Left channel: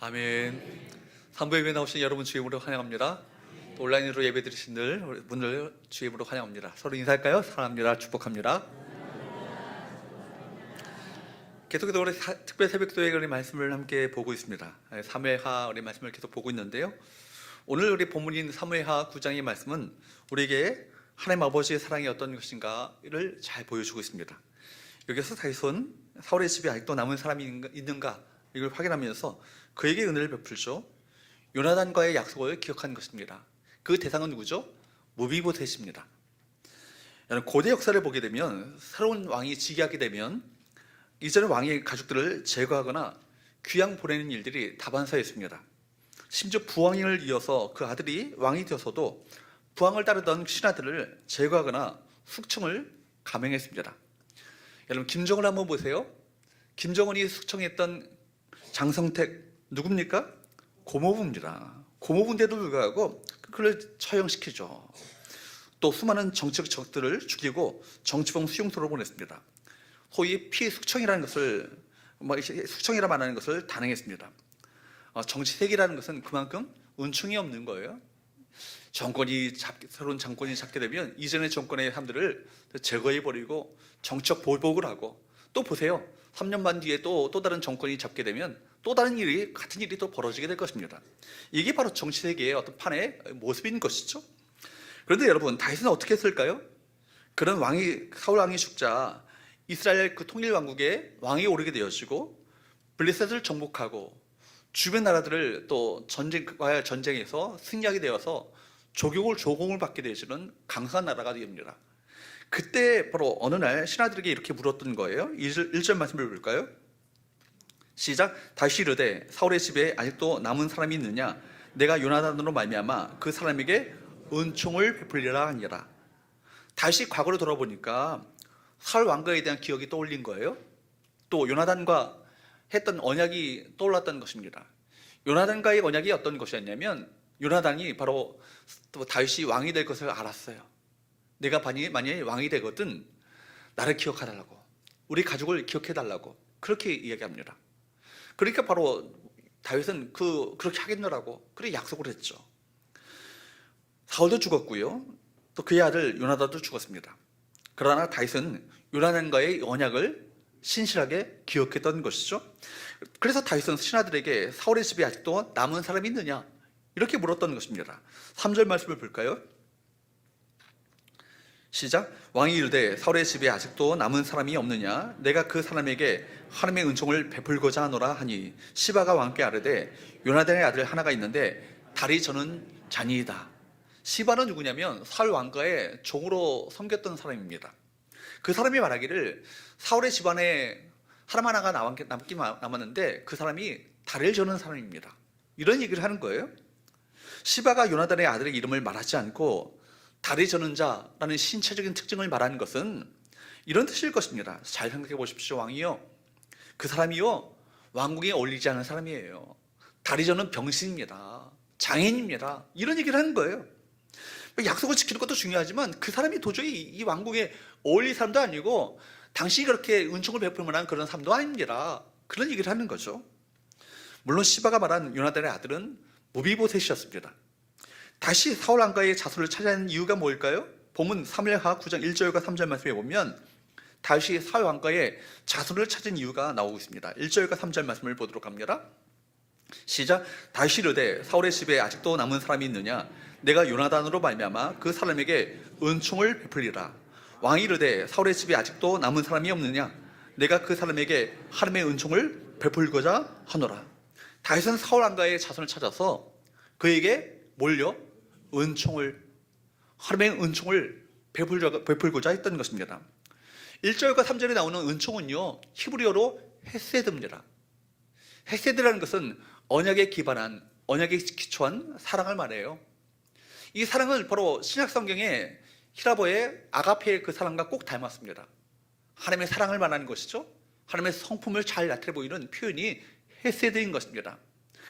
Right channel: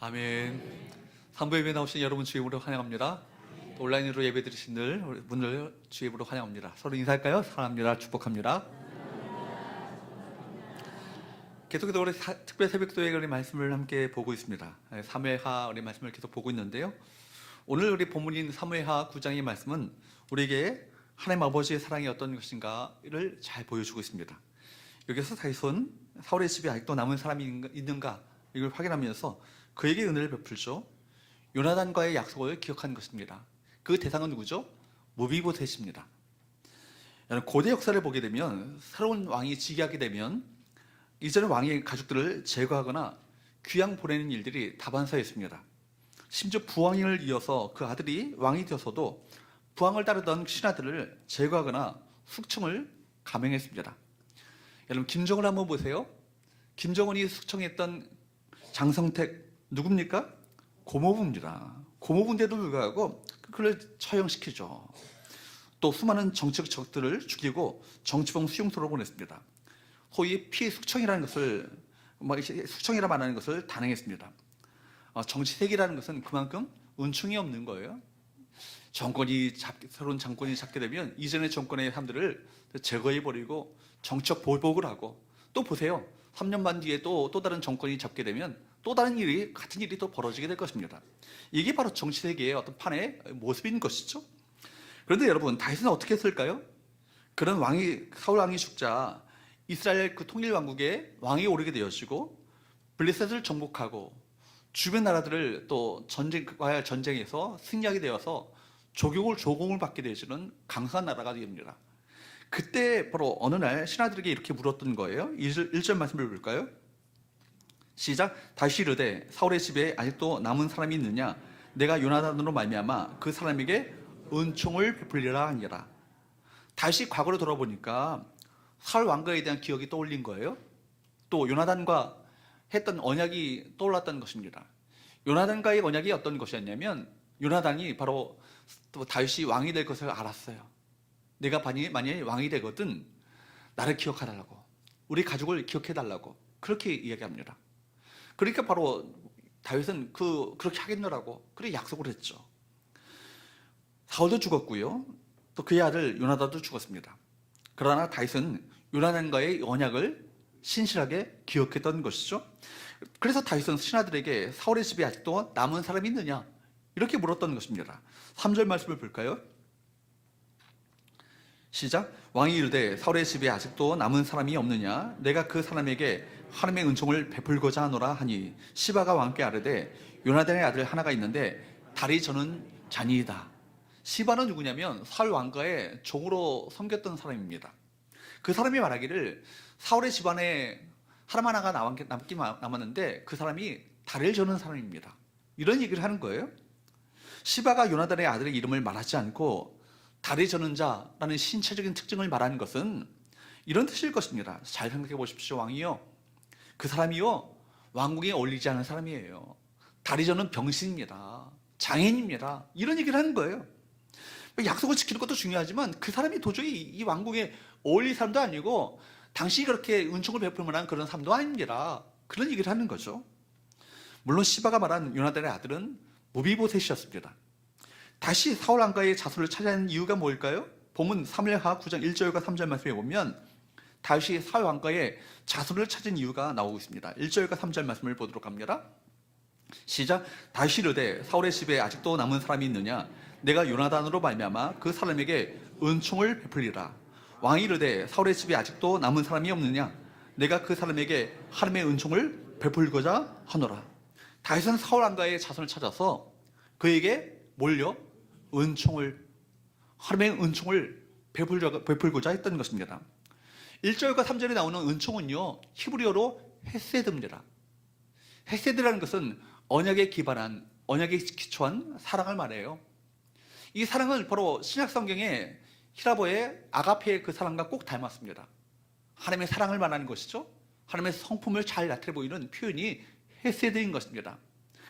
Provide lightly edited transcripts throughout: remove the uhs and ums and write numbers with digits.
아멘. 산부 예배 나오신 여러분 주임으로 환영합니다. 또 온라인으로 예배 드리신 분들 주임으로 환영합니다. 서로 인사할까요? 사랑합니다. 축복합니다. 계속해서 우리 특별 새벽도회 우리 말씀을 함께 보고 있습니다. 사무엘하 우리 말씀을 계속 보고 있는데요. 오늘 우리 본문인 사무엘하 9장의 말씀은 우리에게 하나님 아버지의 사랑이 어떤 것인가를 잘 보여주고 있습니다. 여기서 다윗은 사울의 집에 아직도 남은 사람이 있는가 이걸 확인하면서 그에게 은혜를 베풀죠. 요나단과의 약속을 기억한 것입니다. 그 대상은 누구죠? 무비보셋입니다. 고대 역사를 보게 되면 새로운 왕이 즉위하게 되면 이전의 왕의 가족들을 제거하거나 귀양 보내는 일들이 다반사였습니다. 심지어 부왕을 이어서 그 아들이 왕이 되어서도 부왕을 따르던 신하들을 제거하거나 숙청을 감행했습니다. 여러분 김정을 한번 보세요. 김정은이 숙청했던 장성택 누굽니까? 고모부입니다. 고모부인데도 불구하고 그를 처형시키죠. 또 수많은 정치적 적들을 죽이고 정치범 수용소로 보냈습니다. 소위 피숙청이라는 것을 숙청이라 말하는 것을 단행했습니다. 정치색이라는 것은 그만큼 은총이 없는 거예요. 새로운 정권이 잡게 되면 이전의 정권의 사람들을 제거해버리고 정치적 보복을 하고, 또 보세요. 3년 반 뒤에 또 다른 정권이 잡게 되면 또 다른 같은 일이 또 벌어지게 될 것입니다. 이게 바로 정치세계의 어떤 판의 모습인 것이죠. 그런데 여러분, 다윗은 어떻게 했을까요? 그런 사울 왕이 죽자 이스라엘 그 통일 왕국의 왕이 오르게 되어지고 블레셋을 정복하고 주변 나라들을 또 전쟁에서 승리하게 되어서 조공을 받게 되어지는 강성한 나라가 됩니다. 그때 바로 어느 날 신하들에게 이렇게 물었던 거예요. 1절 말씀을 볼까요? 시작. 다시 이르되 사울의 집에 아직도 남은 사람이 있느냐? 내가 요나단으로 말미암아 그 사람에게 은총을 베풀리라 하니라. 다시 과거로 돌아보니까 사울 왕가에 대한 기억이 떠올린 거예요. 또 요나단과 했던 언약이 떠올랐던 것입니다. 요나단과의 언약이 어떤 것이었냐면, 요나단이 바로 또 다윗이 왕이 될 것을 알았어요. 내가 만약에 왕이 되거든 나를 기억해달라고, 우리 가족을 기억해달라고 그렇게 이야기합니다. 그러니까 바로 다윗은 그렇게 하겠노라고 그렇게 약속을 했죠. 사울도 죽었고요. 또 그의 아들 요나단도 죽었습니다. 그러나 다윗은 요나단과의 언약을 신실하게 기억했던 것이죠. 그래서 다윗은 신하들에게 사울의 집에 아직도 남은 사람이 있느냐 이렇게 물었던 것입니다. 3절 말씀을 볼까요? 시작. 왕이 이르되 사울의 집에 아직도 남은 사람이 없느냐? 내가 그 사람에게 하나님의 은총을 베풀고자 하노라 하니 시바가 왕께 아뢰되 요나단의 아들 하나가 있는데 달이 저는 자니이다. 시바는 누구냐면 사울 왕가의 종으로 섬겼던 사람입니다. 그 사람이 말하기를 사울의 집안에 사람 하나가 남았는데 그 사람이 달을 저는 사람입니다. 이런 얘기를 하는 거예요. 시바가 요나단의 아들의 이름을 말하지 않고 달이 저는 자라는 신체적인 특징을 말하는 것은 이런 뜻일 것입니다. 잘 생각해 보십시오. 왕이요, 그 사람이요 왕궁에 어울리지 않은 사람이에요. 달이 저는 병신입니다. 장인입니다. 이런 얘기를 하는 거예요. 약속을 지키는 것도 중요하지만 그 사람이 도저히 이 왕궁에 어울릴 사람도 아니고 당신이 그렇게 은총을 베풀 만한 그런 사람도 아닙니다. 그런 얘기를 하는 거죠. 물론 시바가 말한 요나단의 아들은 무비보셋이었습니다. 다시 사울 왕가의 자손을 찾아내는 이유가 뭘까요? 본문 사무엘하 9장 1절과 3절 말씀에 보면 다시 사울 왕가의 자손을 찾은 이유가 나오고 있습니다. 1절과 3절 말씀을 보도록 합니다. 시작. 다시 이르되 사울의 집에 아직도 남은 사람이 있느냐? 내가 요나단으로 말미암아 그 사람에게 은총을 베풀리라. 왕이 이르되 사울의 집에 아직도 남은 사람이 없느냐? 내가 그 사람에게 하나님의 은총을 베풀고자 하노라. 다윗은 사울 왕가의 자손을 찾아서 그에게 하나님의 은총을 베풀고자 했던 것입니다. 1절과 3절에 나오는 은총은요, 히브리어로 헤세드입니다. 헤세드라는 것은 언약에 기초한 사랑을 말해요. 이 사랑은 바로 신약 성경의 히라보의 아가페의 그 사랑과 꼭 닮았습니다. 하나님의 사랑을 말하는 것이죠. 하나님의 성품을 잘 나타내 보이는 표현이 헤세드인 것입니다.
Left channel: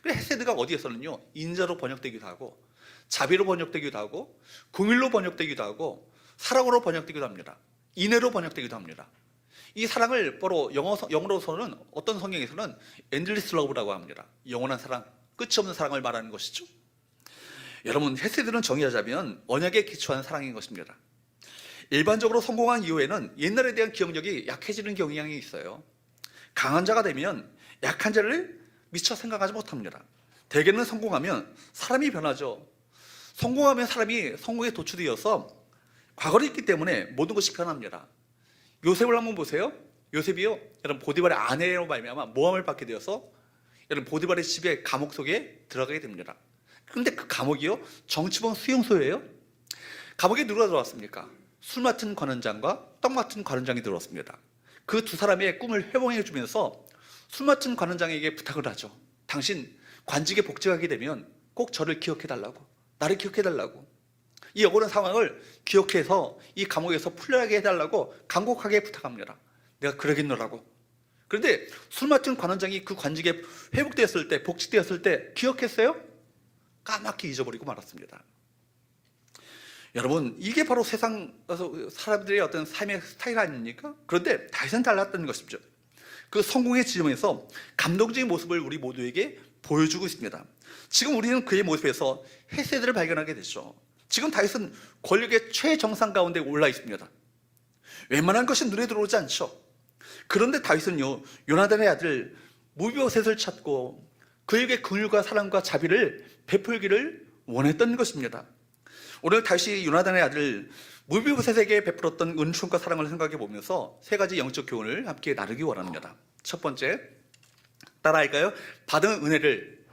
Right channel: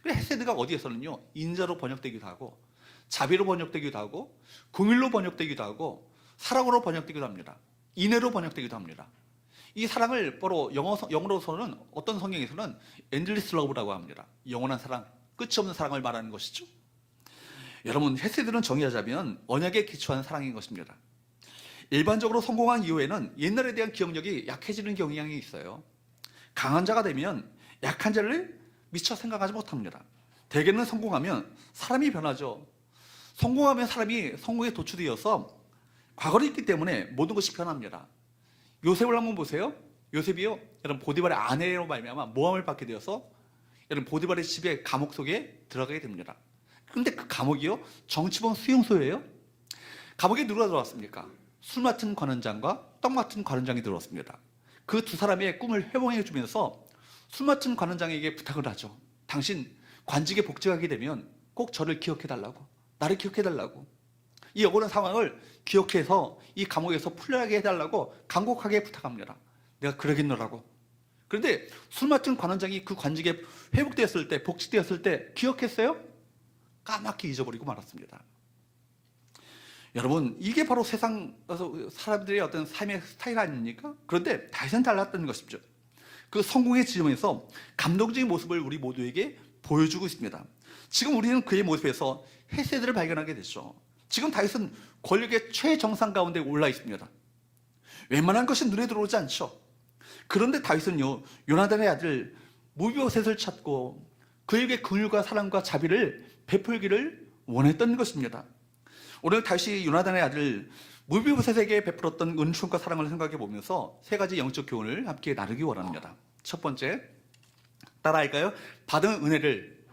헤세드가 어디에서는요, 인자로 번역되기도 하고 자비로 번역되기도 하고 긍휼로 번역되기도 하고 사랑으로 번역되기도 합니다. 인애로 번역되기도 합니다. 이 사랑을 바로 영어로서는 어떤 성경에서는 endless love라고 합니다. 영원한 사랑, 끝이 없는 사랑을 말하는 것이죠. 여러분, 헤세드는 정의하자면 언약에 기초한 사랑인 것입니다. 일반적으로 성공한 이후에는 옛날에 대한 기억력이 약해지는 경향이 있어요. 강한 자가 되면 약한 자를 미처 생각하지 못합니다. 대개는 성공하면 사람이 변하죠. 성공하면 사람이 성공에 도취되어서 과거를 있기 때문에 모든 것이 변합니다. 요셉을 한번 보세요. 요셉이요, 여러분 보디발의 아내로 말미암아 모함을 받게 되어서 여러분 보디발의 집에 감옥 속에 들어가게 됩니다. 그런데 그 감옥이요, 정치범 수용소예요. 감옥에 누가 들어왔습니까? 술 맡은 관원장과 떡 맡은 관원장이 들어왔습니다. 그 두 사람의 꿈을 회복해 주면서 술 맡은 관원장에게 부탁을 하죠. 당신 관직에 복직하게 되면 꼭 저를 기억해 달라고, 나를 기억해 달라고, 이 억울한 상황을 기억해서 이 감옥에서 풀려나게 해달라고 간곡하게 부탁합니다. 내가 그러겠노라고. 그런데 술 맡은 관원장이 그 관직에 회복되었을 때, 복직되었을 때 기억했어요? 까맣게 잊어버리고 말았습니다. 여러분, 이게 바로 세상 사람들의 어떤 삶의 스타일 아닙니까? 그런데 다윗은 달랐던 것이죠. 그 성공의 지점에서 감동적인 모습을 우리 모두에게 보여주고 있습니다. 지금 우리는 그의 모습에서 헤세드를 발견하게 되죠. 지금 다윗은 권력의 최정상 가운데 올라 있습니다. 웬만한 것이 눈에 들어오지 않죠. 그런데 다윗은요, 요나단의 아들 무비보셋을 찾고 그에게 긍휼과 사랑과 자비를 베풀기를 원했던 것입니다. 오늘 다윗이 요나단의 아들 무비보셋에게 베풀었던 은총과 사랑을 생각해 보면서 세 가지 영적 교훈을 함께 나누기 원합니다. 첫 번째, 따라할까요? 받은 은혜를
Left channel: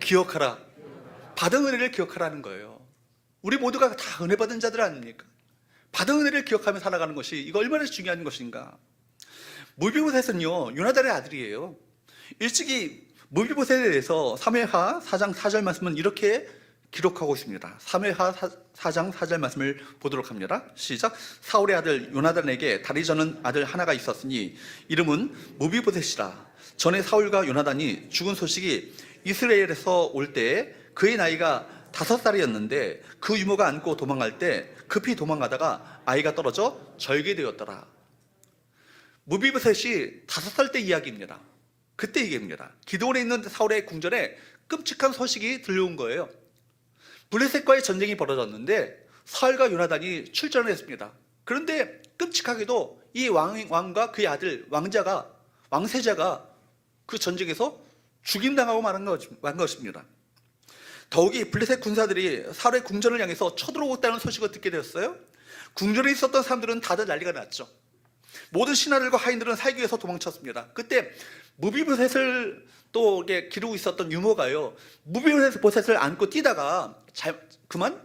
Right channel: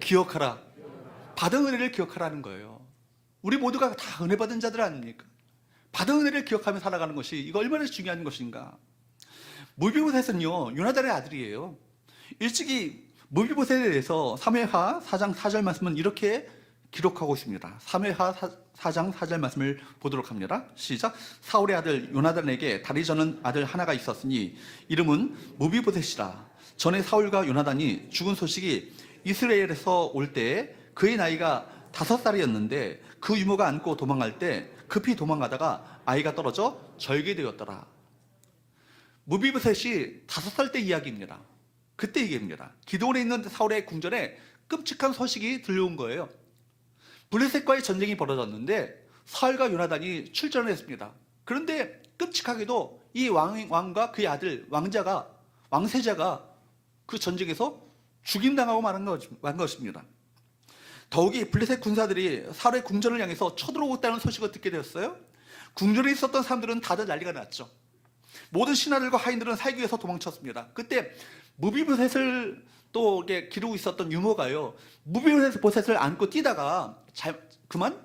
기억하라. 받은 은혜를 기억하라는 거예요. 우리 모두가 다 은혜 받은 자들 아닙니까? 받은 은혜를 기억하며 살아가는 것이 이거 얼마나 중요한 것인가. 무비보셋은요, 요나단의 아들이에요. 일찍이 무비보셋에 대해서 사무엘하 4장 4절 말씀은 이렇게 기록하고 있습니다. 사무엘하 4장 4절 말씀을 보도록 합니다. 시작. 사울의 아들 요나단에게 다리 저는 아들 하나가 있었으니 이름은 무비보셋이라. 전에 사울과 요나단이 죽은 소식이 이스라엘에서 올 때에 그의 나이가 5살이었는데 그 유모가 안고 도망갈 때 급히 도망가다가 아이가 떨어져 절개되었더라. 무비보셋이 5살 때 이야기입니다. 그때 얘기입니다. 기드온에 있는 사울의 궁전에 끔찍한 소식이 들려온 거예요. 블레셋과의 전쟁이 벌어졌는데 사울과 요나단이 출전을 했습니다. 그런데 끔찍하게도 이 왕과 그의 아들 왕세자가 그 전쟁에서 죽임당하고 만 것입니다. 더욱이 블레셋 군사들이 사울의 궁전을 향해서 쳐들어오겠다는 소식을 듣게 되었어요. 궁전에 있었던 사람들은 다들 난리가 났죠. 모든 신하들과 하인들은 살기 위해서 도망쳤습니다. 그때 무비보셋을 또 기르고 있었던 유모가요, 무비보셋을 안고 뛰다가 그만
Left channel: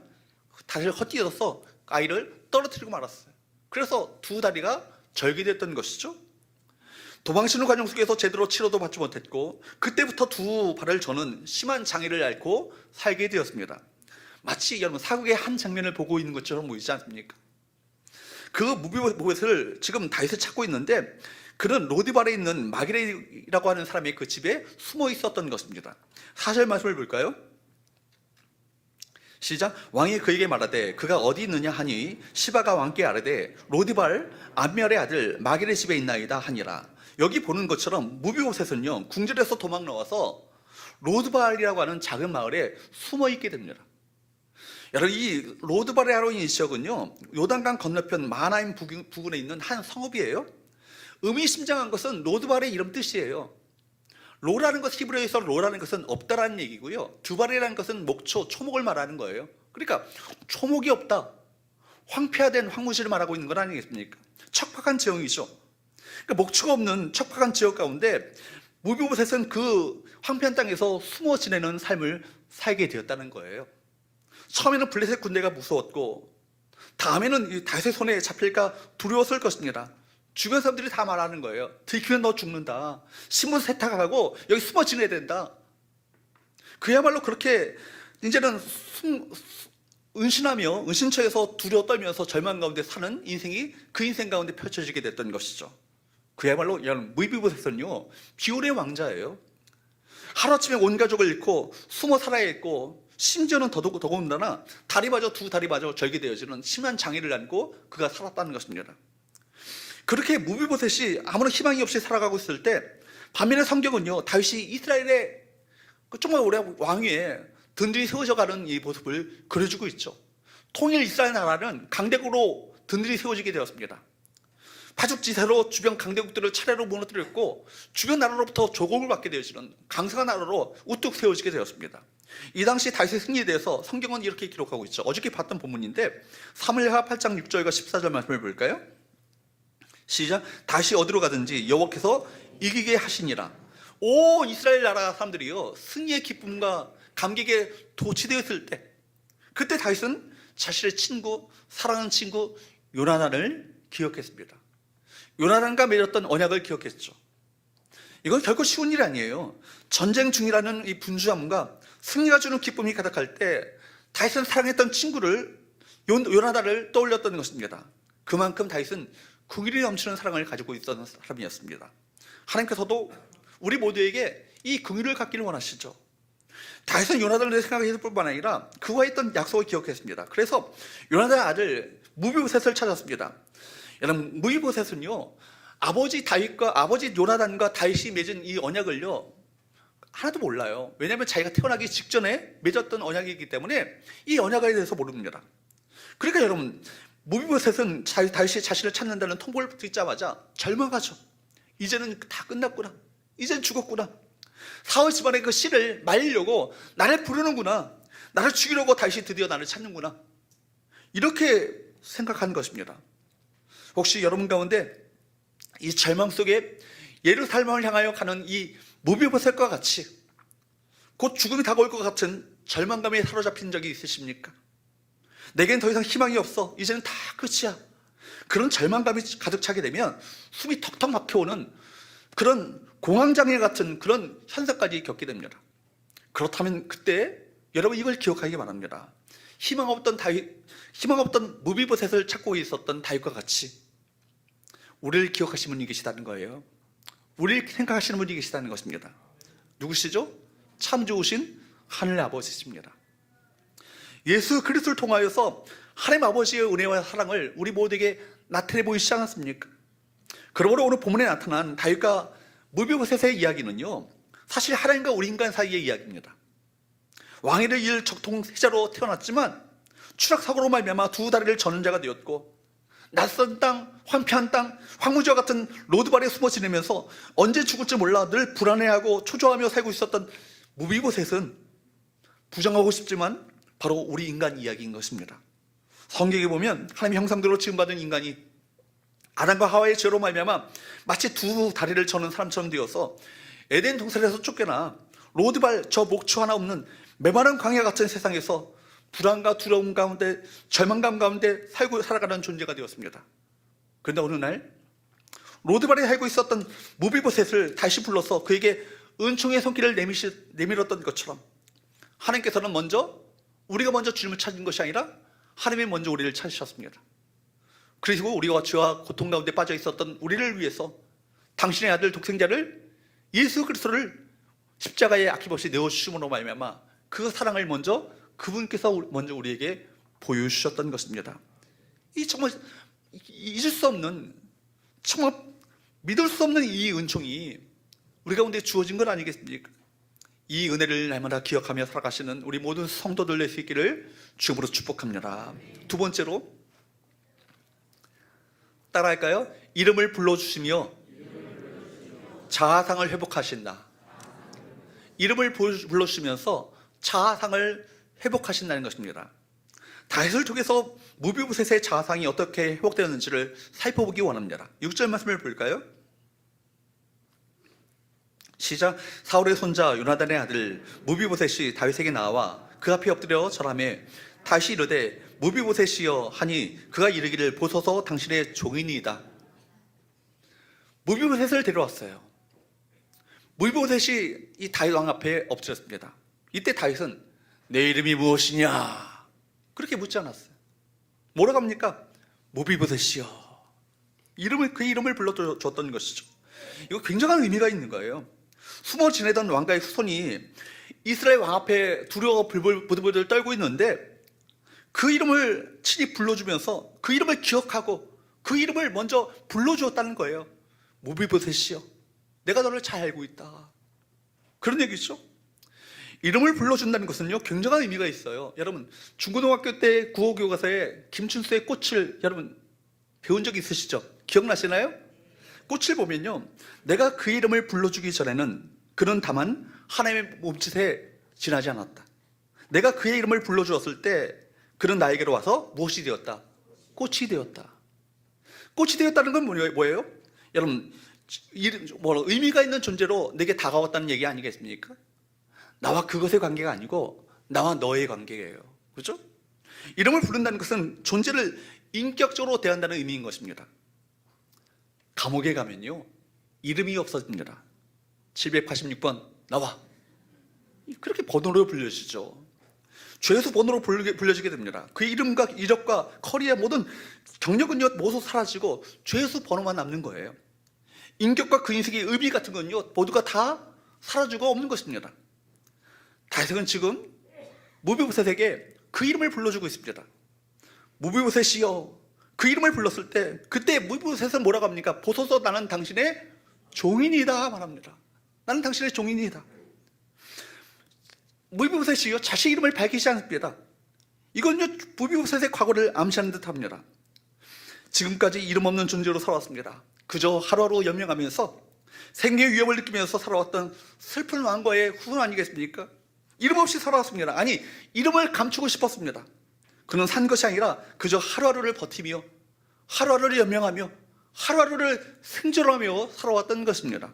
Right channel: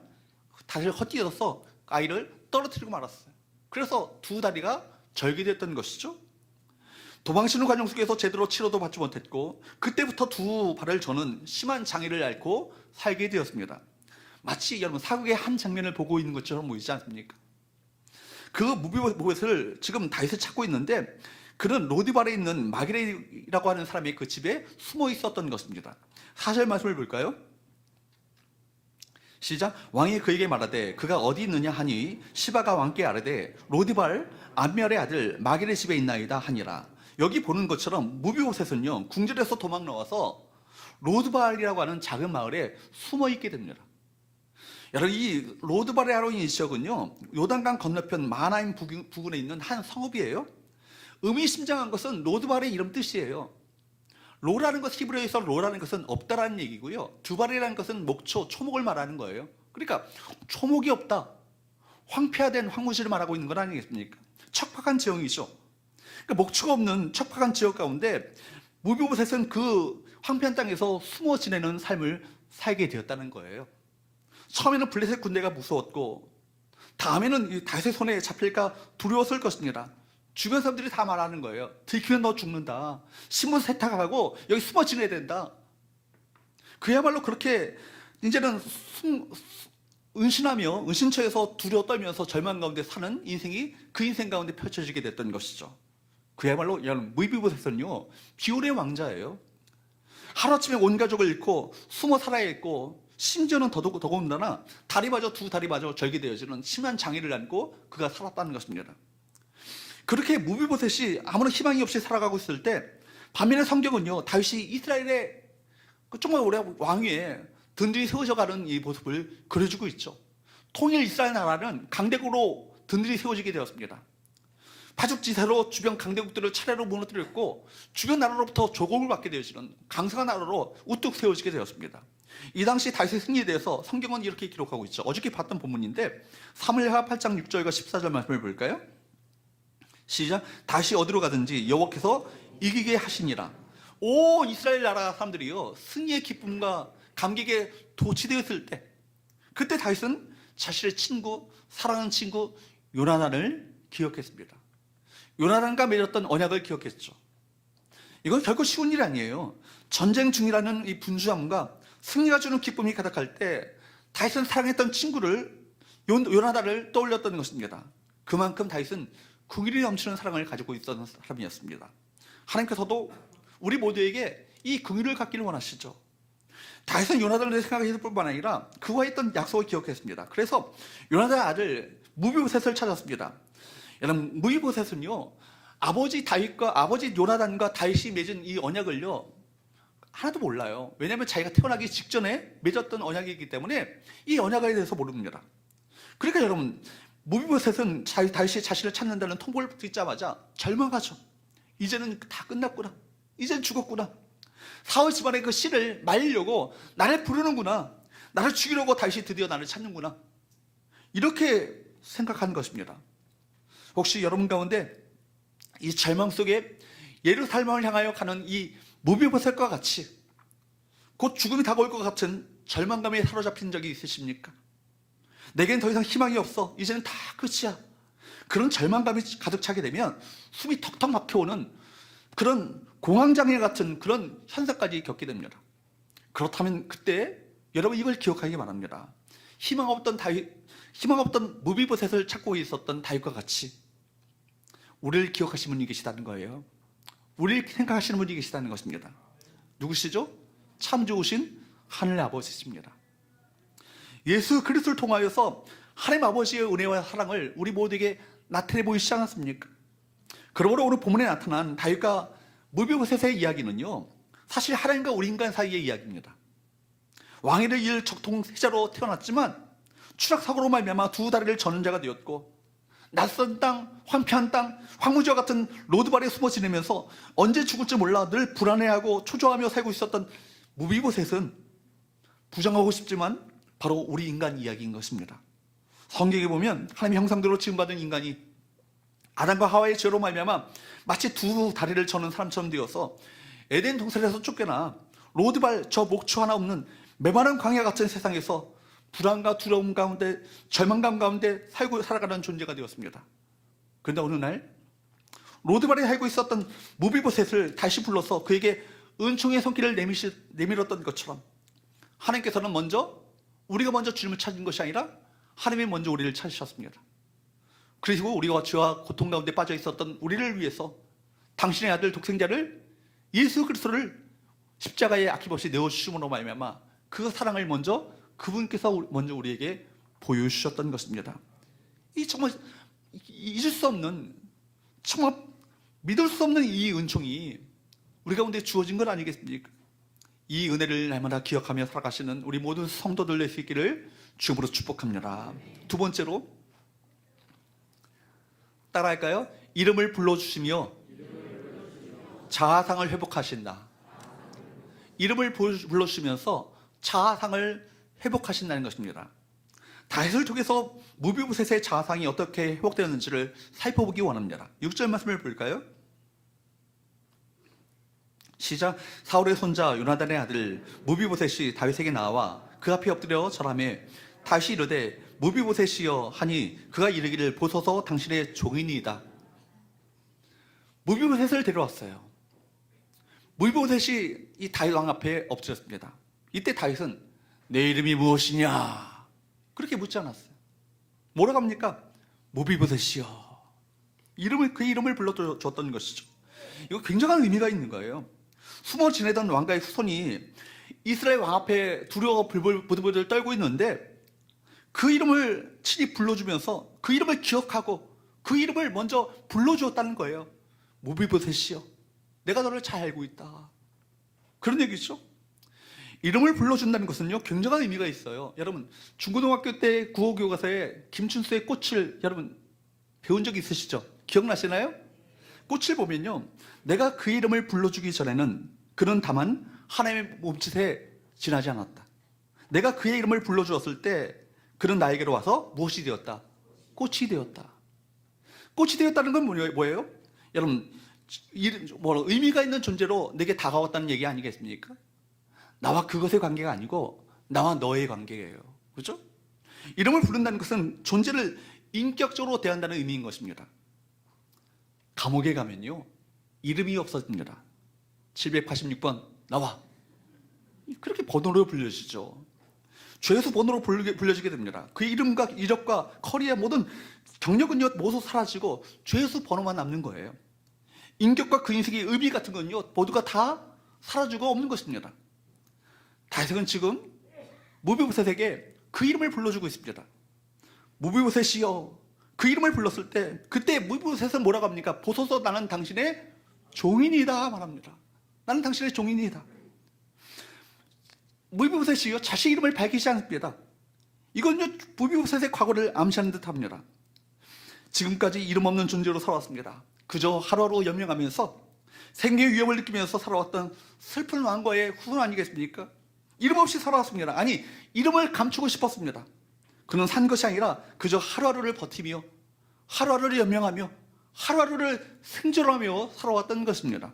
다리를 헛디뎌서 아이를 떨어뜨리고 말았어요. 그래서 두 다리가 절개됐던 것이죠. 도망치는 과정 속에서 제대로 치료도 받지 못했고 그때부터 두 발을 저는 심한 장애를 앓고 살게 되었습니다. 마치 여러분 사극의 한 장면을 보고 있는 것처럼 보이지 않습니까? 그 무비보셋을 지금 다윗을 찾고 있는데 그는 로디발에 있는 마기레이라고 하는 사람의 그 집에 숨어 있었던 것입니다. 4절 말씀을 볼까요? 시작. 왕이 그에게 말하되 그가 어디 있느냐 하니 시바가 왕께 아뢰되 로디발 암멜의 아들 마기레 집에 있나이다 하니라. 여기 보는 것처럼 무비보셋은요, 궁전에서 도망 나와서 로드발이라고 하는 작은 마을에 숨어 있게 됩니다. 여러분, 이 로드발이라고 하는 이 지역은요, 요단강 건너편 마하나임 부근에 있는 한 성읍이에요. 의미심장한 것은 로드발의 이름 뜻이에요. 로라는 것, 히브리어에서 로라는 것은 없다라는 얘기고요, 두발이라는 것은 목초, 초목을 말하는 거예요. 그러니까 초목이 없다, 황폐화된 황무지를 말하고 있는 건 아니겠습니까? 척박한 지형이죠. 그러니까 목초가 없는 척박한 지역 가운데 무비보셋은 그 황폐한 땅에서 숨어 지내는 삶을 살게 되었다는 거예요. 처음에는 블레셋 군대가 무서웠고 다음에는 다윗의 손에 잡힐까 두려웠을 것입니다. 주변 사람들이 다 말하는 거예요. 들키면 너 죽는다. 신문 세탁하고 여기 숨어 지내야 된다. 그야말로 그렇게 이제는 은신하며 은신처에서 두려워 떨면서 절망 가운데 사는 인생이 그 인생 가운데 펼쳐지게 됐던 것이죠. 그야말로 여러분, 무비보셋은요, 비올의 왕자예요. 하루아침에 온 가족을 잃고 숨어 살아야 했고 심지어는 더더군다나 두 다리 마저 절개되어지는 심한 장애를 안고 그가 살았다는 것입니다. 그렇게 무비보셋이 아무런 희망이 없이 살아가고 있을 때, 반면에 성경은요, 다윗이 이스라엘의 정말 오래 왕위에 든든히 세워져가는 이 모습을 그려주고 있죠. 통일 이스라엘 나라는 강대국으로 든든히 세워지게 되었습니다. 파죽지세로 주변 강대국들을 차례로 무너뜨렸고, 주변 나라로부터 조공을 받게 되어지는 강성한 나라로 우뚝 세워지게 되었습니다. 이 당시 다윗의 승리에 대해서 성경은 이렇게 기록하고 있죠. 어저께 봤던 본문인데 사무엘하 8장 6절과 14절 말씀을 볼까요? 시작. 다시 어디로 가든지 여호와께서 이기게 하시니라. 온 이스라엘 나라 사람들이요, 승리의 기쁨과 감격에 도취되었을 때, 그때 다윗은 자신의 친구, 사랑하는 친구 요나단을 기억했습니다. 요나단과 맺었던 언약을 기억했죠. 이건 결코 쉬운 일이 아니에요. 전쟁 중이라는 이 분주함과 승리가 주는 기쁨이 가득할 때 다윗은 사랑했던 친구를, 요나단을 떠올렸던 것입니다. 그만큼 다윗은 긍휼이 넘치는 사랑을 가지고 있었던 사람이었습니다. 하나님께서도 우리 모두에게 이 긍휼을 갖기를 원하시죠. 다윗은 요나단을 생각했을 뿐만 아니라 그와 있던 약속을 기억했습니다. 그래서 요나단의 아들 무비보셋을 찾았습니다. 여러분, 무비보셋은요, 아버지 다윗과 아버지 요나단과 다윗이 맺은 이 언약을요 하나도 몰라요. 왜냐하면 자기가 태어나기 직전에 맺었던 언약이기 때문에 이 언약에 대해서 모릅니다. 그러니까 여러분, 무비보셋은 다윗이 자신을 찾는다는 통보를 듣자마자 절망하죠. 이제는 다 끝났구나. 이젠 죽었구나. 사울 집안의 그 씨를 말리려고 나를 부르는구나. 나를 죽이려고 다윗이 드디어 나를 찾는구나. 이렇게 생각하는 것입니다. 혹시 여러분 가운데 이 절망 속에 예루살렘을 향하여 가는 이 무비보셋과 같이 곧 죽음이 다가올 것 같은 절망감에 사로잡힌 적이 있으십니까? 내겐 더 이상 희망이 없어. 이제는 다 끝이야. 그런 절망감이 가득 차게 되면 숨이 턱턱 막혀오는 그런 공황장애 같은 그런 현상까지 겪게 됩니다. 그렇다면 그때 여러분 이걸 기억하기 바랍니다. 희망 없던 무비보셋을 찾고 있었던 다윗과 같이 우리를 기억하시는 분이 계시다는 거예요. 우리를 생각하시는 분이 계시다는 것입니다. 누구시죠? 참 좋으신 하늘 아버지십니다. 예수 그리스도를 통하여서 하나님 아버지의 은혜와 사랑을 우리 모두에게 나타내 보이시지 않았습니까? 그러므로 오늘 본문에 나타난 다윗과 무비보셋의 이야기는요, 사실 하나님과 우리 인간 사이의 이야기입니다. 왕위를 이을 적통세자로 태어났지만 추락사고로 말미암아 두 다리를 저는 자가 되었고, 낯선 땅, 황폐한 땅, 황무지와 같은 로드발에 숨어 지내면서 언제 죽을지 몰라 늘 불안해하고 초조하며 살고 있었던 무비보셋은 부정하고 싶지만 바로 우리 인간 이야기인 것입니다. 성경에 보면 하나님의 형상대로 지음받은 인간이 아담과 하와의 죄로 말미암아 마치 두 다리를 저는 사람처럼 되어서 에덴 동산에서 쫓겨나 로드발 저 목초 하나 없는 메마른 광야 같은 세상에서 불안과 두려움 가운데 절망감 가운데 살아가는 존재가 되었습니다. 그런데 어느 날 로드발에 살고 있었던 무비보셋을 다시 불러서 그에게 은총의 손길을 내밀었던 것처럼 하나님께서는 우리가 먼저 주님을 찾은 것이 아니라 하나님이 먼저 우리를 찾으셨습니다. 그리고 우리가 죄와 고통 가운데 빠져 있었던 우리를 위해서 당신의 아들 독생자를 예수 그리스도를 십자가에 아낌없이 내어주심으로 말미암아 그 사랑을 그분께서 먼저 우리에게 보여주셨던 것입니다. 이 정말 잊을 수 없는, 정말 믿을 수 없는 이 은총이 우리 가운데 주어진 건 아니겠습니까? 이 은혜를 날마다 기억하며 살아가시는 우리 모든 성도들 될 수 있기를 주님으로 축복합니다. 두 번째로 따라할까요? 이름을 불러주시며 자아상을 회복하신다. 이름을 불러주시면서 자아상을 회복하신다는 것입니다. 다윗을 통해서 무비보셋의 자아상이 어떻게 회복되었는지를 살펴보기 원합니다. 6절 말씀을 볼까요? 시작. 사울의 손자 요나단의 아들 무비보셋이 다윗에게 나와 그 앞에 엎드려 절하며 다윗이 이르되 무비보셋이여 하니 그가 이르기를 보소서 당신의 종이니이다. 무비보셋을 데려왔어요. 무비보셋이 이 다윗 왕 앞에 엎드렸습니다. 이때 다윗은 내 이름이 무엇이냐 그렇게 묻지 않았어요. 뭐라고 합니까? 무비보셋이여. 그 이름을 불러줬던 것이죠. 이거 굉장한 의미가 있는 거예요. 숨어 지내던 왕가의 후손이 이스라엘 왕 앞에 두려워 부들부들 떨고 있는데 그 이름을 친히 불러주면서 그 이름을 기억하고 그 이름을 먼저 불러주었다는 거예요. 무비보셋이여, 내가 너를 잘 알고 있다. 그런 얘기죠. 이름을 불러준다는 것은요, 굉장한 의미가 있어요. 여러분, 중고등학교 때 국어교과서에 김춘수의 꽃을 여러분 배운 적 있으시죠? 기억나시나요? 꽃을 보면요, 내가 그 이름을 불러주기 전에는 그는 다만 하나님의 몸짓에 지나지 않았다. 내가 그의 이름을 불러주었을 때 그는 나에게로 와서 무엇이 되었다? 꽃이 되었다. 꽃이 되었다는 건 뭐예요? 여러분, 의미가 있는 존재로 내게 다가왔다는 얘기 아니겠습니까? 나와 그것의 관계가 아니고 나와 너의 관계예요. 그렇죠? 이름을 부른다는 것은 존재를 인격적으로 대한다는 의미인 것입니다. 감옥에 가면요, 이름이 없어집니다. 786번 나와. 그렇게 번호로 불려지죠. 죄수 번호로 불려지게 됩니다. 그 이름과 이력과 커리어 모든 경력은요 모두 사라지고 죄수 번호만 남는 거예요. 인격과 그 인생의 의미 같은 건요 모두가 다 사라지고 없는 것입니다. 다윗은 지금 무비보셋에게 그 이름을 불러주고 있습니다. 무비보셋이여, 그 이름을 불렀을 때 그때 무비보셋은 뭐라고 합니까? 보소서, 나는 당신의 종인이다 말합니다. 나는 당신의 종인이다. 무비보셋이요, 자신의 이름을 밝히지 않습니다. 이건요 무비보셋의 과거를 암시하는 듯합니다. 지금까지 이름 없는 존재로 살아왔습니다. 그저 하루하루 연명하면서 생계의 위협을 느끼면서 살아왔던 슬픈 왕과의 후손 아니겠습니까? 이름 없이 살아왔습니다. 아니, 이름을 감추고 싶었습니다. 그는 산 것이 아니라 그저 하루하루를 버티며 하루하루를 연명하며 하루하루를 생존하며 살아왔던 것입니다.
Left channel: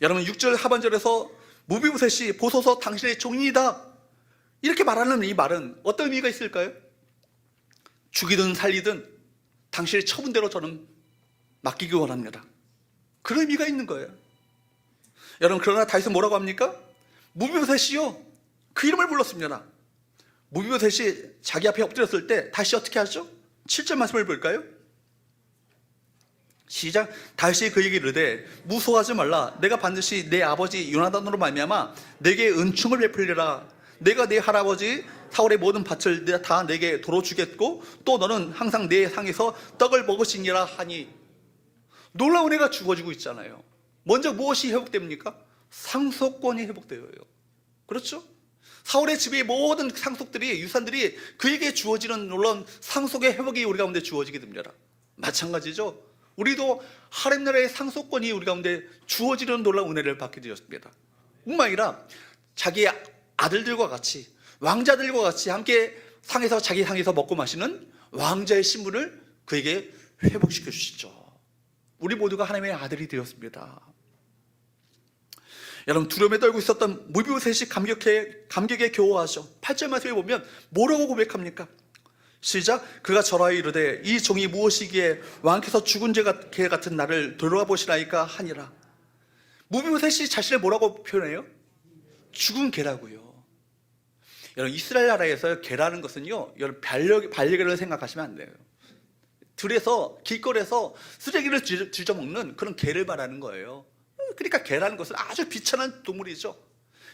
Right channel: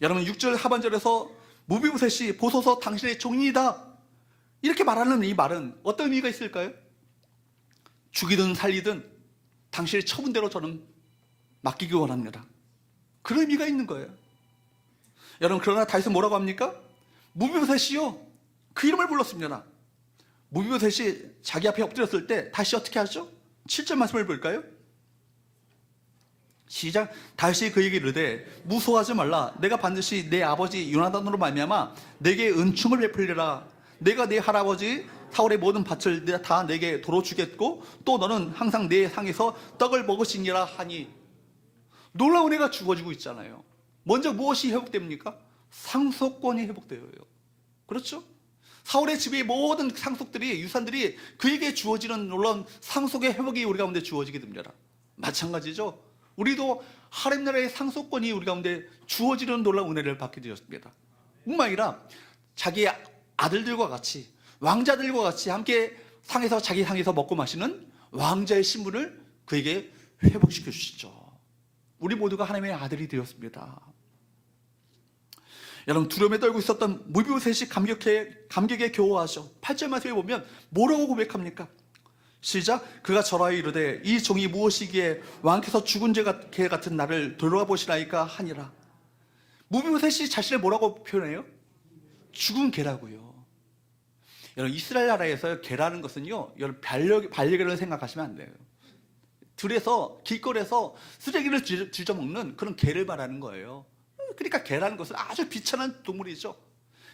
여러분, 6절 하반절에서 무비보셋이 보소서 당신의 종이다 이렇게 말하는 이 말은 어떤 의미가 있을까요? 죽이든 살리든 당신의 처분대로 저는 맡기기 원합니다. 그런 의미가 있는 거예요. 여러분, 그러나 다윗은 뭐라고 합니까? 무비보셋이요, 그 이름을 불렀습니다. 무비보셋이 자기 앞에 엎드렸을 때 다시 어떻게 하죠? 7절 말씀을 볼까요? 시작. 다윗이 그에게 이르되 무서워하지 말라. 내가 반드시 내 아버지 요나단으로 말미암아 내게 은총을 베풀리라. 내가 내 할아버지 사울의 모든 밭을 다 내게 도로 주겠고 또 너는 항상 내 상에서 떡을 먹으시니라 하니. 놀라운 애가 주어지고 있잖아요. 먼저 무엇이 회복됩니까? 상속권이 회복되어요. 그렇죠? 사울의 집의 모든 상속들이, 유산들이 그에게 주어지는 놀라운 상속의 회복이 우리 가운데 주어지게 됩니다. 마찬가지죠. 우리도 하나님 나라의 상속권이 우리 가운데 주어지는 놀라운 은혜를 받게 되었습니다. 뿐만 아니라 자기 아들들과 같이, 왕자들과 같이 함께 자기 상에서 먹고 마시는 왕자의 신분을 그에게 회복시켜 주시죠. 우리 모두가 하나님의 아들이 되었습니다. 여러분, 두려움에 떨고 있었던 무비보셋이 감격에 겨워하죠. 8절 말씀에 보면 뭐라고 고백합니까? 시작. 그가 절하여 이르되 이 종이 무엇이기에 왕께서 죽은 개 같은 나를 돌아와 보시나이까 하니라. 무비보셋이 자신을 뭐라고 표현해요? 죽은 개라고요. 여러분, 이스라엘 나라에서 개라는 것은요, 여러분 반려견을 생각하시면 안 돼요. 들에서 길거리에서 쓰레기를 뒤져먹는 그런 개를 말하는 거예요. 그러니까 개라는 것은 아주 비천한 동물이죠.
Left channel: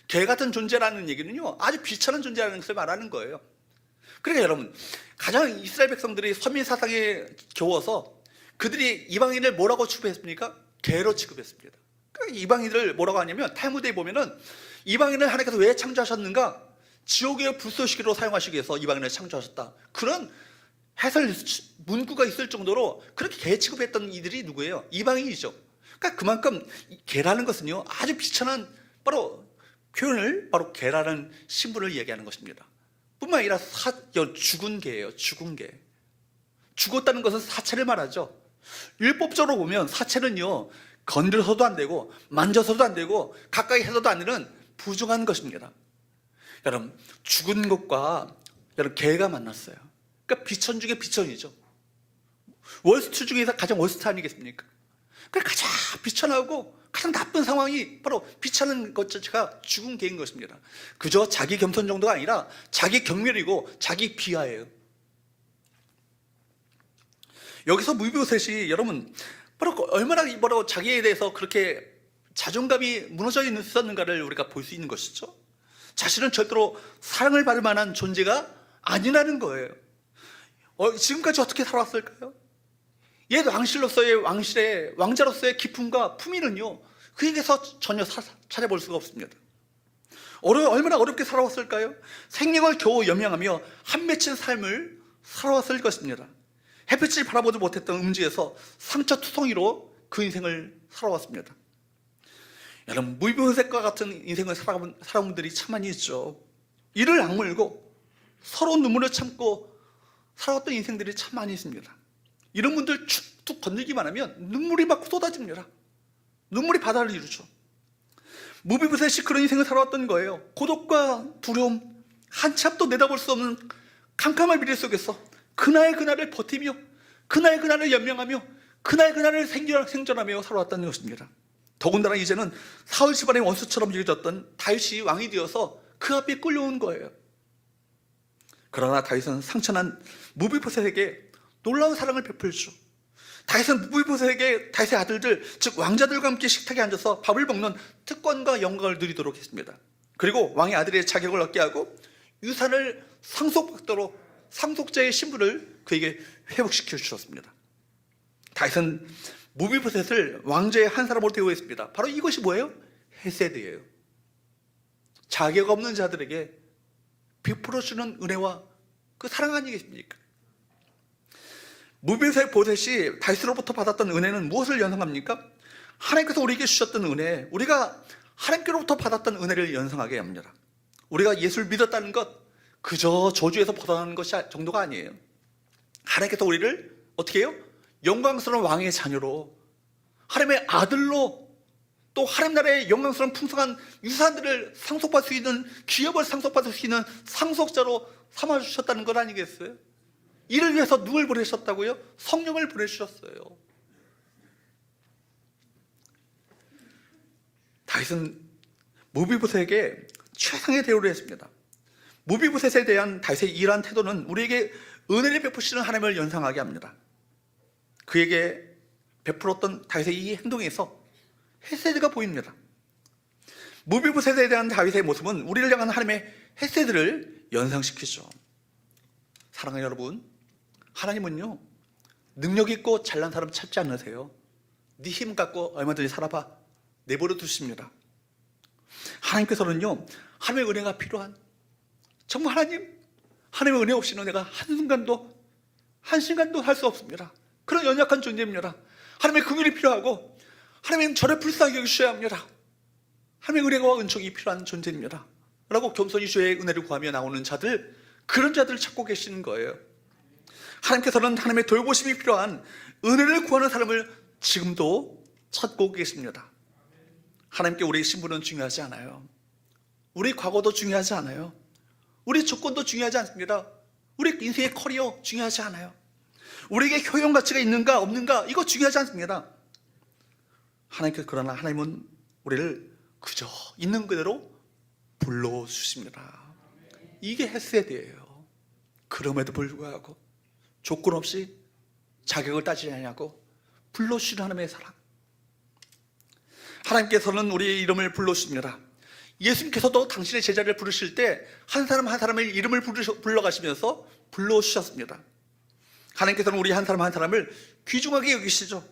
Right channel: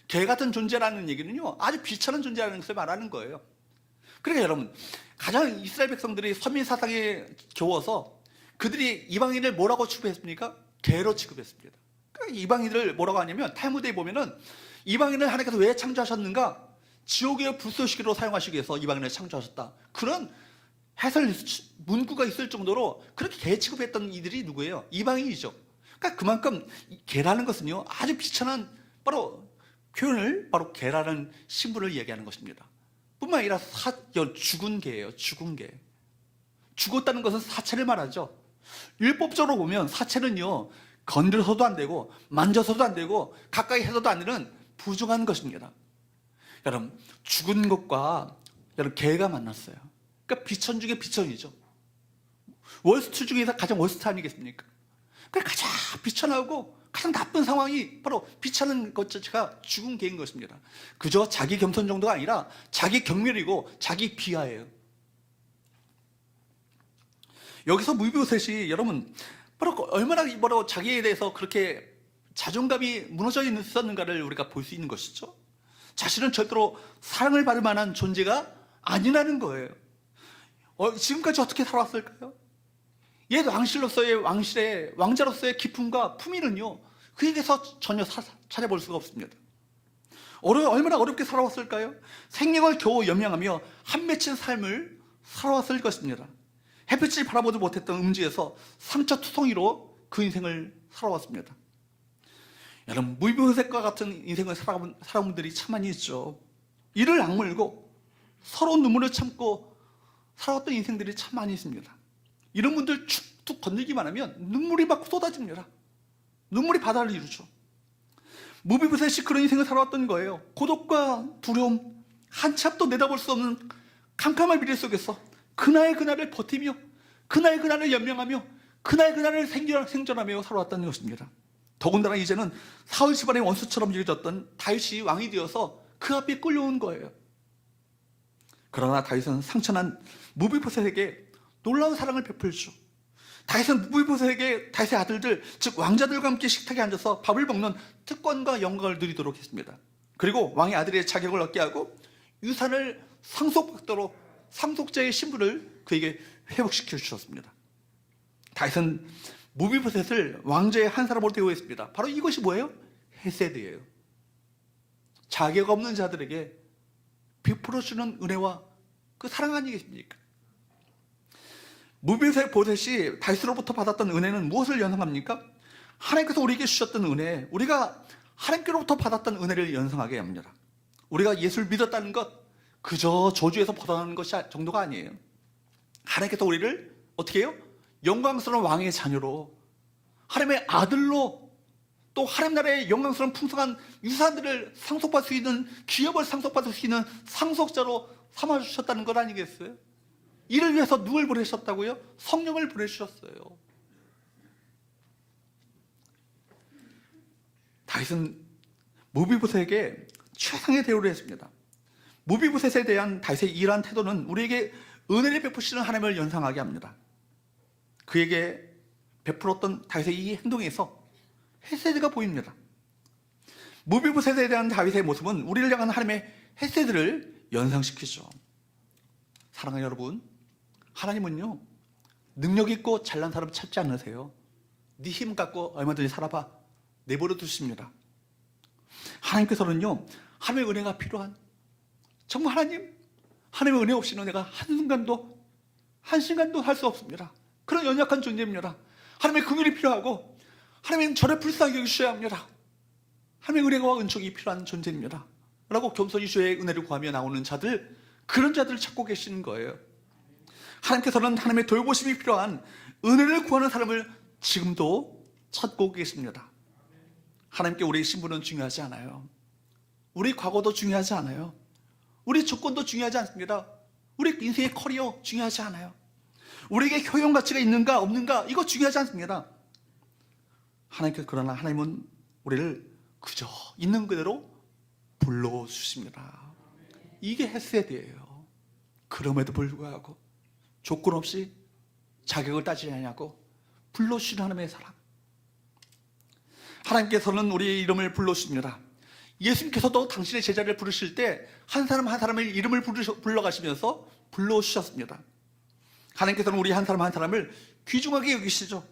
개 같은 존재라는 얘기는요, 아주 비천한 존재라는 것을 말하는 거예요. 그러니까 여러분, 가장 이스라엘 백성들이 선민 사상에 겨워서 그들이 이방인을 뭐라고 취급했습니까? 개로 취급했습니다. 그러니까 이방인을 뭐라고 하냐면, 탈무드에 보면은 이방인을 하나님께서 왜 창조하셨는가? 지옥의 불쏘시개로 사용하시기 위해서 이방인을 창조하셨다. 그런 해설 문구가 있을 정도로 그렇게 개 취급했던 이들이 누구예요? 이방인이죠. 그러니까 그만큼 개라는 것은요, 아주 비천한 바로 표현을, 바로 개라는 신분을 얘기하는 것입니다. 뿐만 아니라 죽은 개예요. 죽은 개. 죽었다는 것은 사체를 말하죠. 율법적으로 보면 사체는요, 건드려서도 안 되고 만져서도 안 되고 가까이 해서도 안 되는 부정한 것입니다. 여러분, 죽은 것과 여러분 개가 만났어요. 그러니까 비천 중에 비천이죠. 월스트 중에서 가장 월스트 아니겠습니까? 그러니까 가장 비천하고 가장 나쁜 상황이 바로 비천한 것 자체가 죽은 개인 것입니다. 그저 자기 겸손 정도가 아니라 자기 경멸이고 자기 비하예요. 여기서 무비보셋이 여러분 바로 얼마나 자기에 대해서 그렇게 자존감이 무너져 있었는가를 우리가 볼 수 있는 것이죠. 자신은 절대로 사랑을 받을 만한 존재가 아니라는 거예요. 지금까지 어떻게 살았을까요? 옛 왕실의 왕자로서의 기쁨과 품위는요, 그에게서 전혀 찾아볼 수가 없습니다. 얼마나 어렵게 살아왔을까요? 생명을 겨우 연명하며 한 맺힌 삶을 살아왔을 것입니다. 햇빛을 바라보지 못했던 음지에서 상처투성이로 그 인생을 살아왔습니다. 여러분, 무비보셋과 같은 인생을 살아온 분들이 참 많이 있죠. 이를 악물고 서로 눈물을 참고 살아왔던 인생들이 참 많이 있습니다. 이런 분들 툭툭 건들기만 하면 눈물이 막 쏟아집니다. 눈물이 바다를 이루죠. 무비보셋이 그런 인생을 살아왔던 거예요. 고독과 두려움, 한참도 내다볼 수 없는 캄캄한 미래 속에서 그날을 버티며 그날을 연명하며 그날을 생존하며 살아왔다는 것입니다. 더군다나 이제는 사울 집안의 원수처럼 여겨졌던 다윗이 왕이 되어서 그 앞에 끌려온 거예요. 그러나 다윗은 상처난 무비보셋에게 놀라운 사랑을 베풀죠. 다윗은 무비보셋에게 다윗의 아들들, 즉 왕자들과 함께 식탁에 앉아서 밥을 먹는 특권과 영광을 누리도록 했습니다. 그리고 왕의 아들의 자격을 얻게 하고 유산을 상속받도록 상속자의 신분을 그에게 회복시켜 주셨습니다. 다윗은 무비보셋을 왕좌의 한 사람으로 대우했습니다. 바로 이것이 뭐예요? 헤세드예요. 자격 없는 자들에게 베풀어주는 은혜와 그 사랑 아니겠습니까? 무비보셋이 다윗으로부터 받았던 은혜는 무엇을 연상합니까? 하나님께서 우리에게 주셨던 은혜, 우리가 하나님께로부터 받았던 은혜를 연상하게 합니다. 우리가 예수를 믿었다는 것, 그저 저주에서 벗어나는 것이 정도가 아니에요. 하나님께서 우리를 어떻게 해요? 영광스러운 왕의 자녀로, 하나님의 아들로, 또 하나님 나라의 영광스러운 풍성한 유산들을 상속받을 수 있는, 기업을 상속받을 수 있는 상속자로 삼아주셨다는 것 아니겠어요? 이를 위해서 누굴 보내셨다고요? 성령을 보내주셨어요. 다윗은 무비보셋에게 최상의 대우를 했습니다. 무비보셋에 대한 다윗의 이러한 태도는 우리에게 은혜를 베푸시는 하나님을 연상하게 합니다. 그에게 베풀었던 다윗의 이 행동에서 헤세드가 보입니다. 무비보셋에 대한 다윗의 모습은 우리를 향한 하나님의 헤세드를 연상시키죠. 사랑하는 여러분, 하나님은요, 능력 있고 잘난 사람 찾지 않으세요. 네 힘 갖고 얼마든지 살아봐, 내버려 두십니다. 하나님께서는요, 하나님의 은혜가 필요한, 정말 하나님의 은혜 없이는 내가 한순간도 할 수 없습니다. 그런 연약한 존재입니다. 하나님의 긍휼이 필요하고 하나님은 저를 불쌍히 여기셔야 합니다. 하나님의 은혜와 은총이 필요한 존재입니다. 라고 겸손히 주의 은혜를 구하며 나오는 자들, 그런 자들을 찾고 계시는 거예요. 하나님께서는 하나님의 돌보심이 필요한 은혜를 구하는 사람을 지금도 찾고 계십니다. 하나님께 우리의 신분은 중요하지 않아요. 우리 과거도 중요하지 않아요. 우리 조건도 중요하지 않습니다. 우리 인생의 커리어 중요하지 않아요. 우리에게 효용 가치가 있는가 없는가 이거 중요하지 않습니다. 그러나 하나님은 우리를 그저 있는 그대로 불러주십니다. 이게 헤세드예요. 그럼에도 불구하고 조건 없이 자격을 따지지 않냐고 불러주시는 하나님의 사랑. 하나님께서는 우리의 이름을 불러주십니다. 예수님께서도 당신의 제자를 부르실 때 한 사람 한 사람의 이름을 불러가시면서 불러주셨습니다. 하나님께서는 우리 한 사람 한 사람을 귀중하게 여기시죠.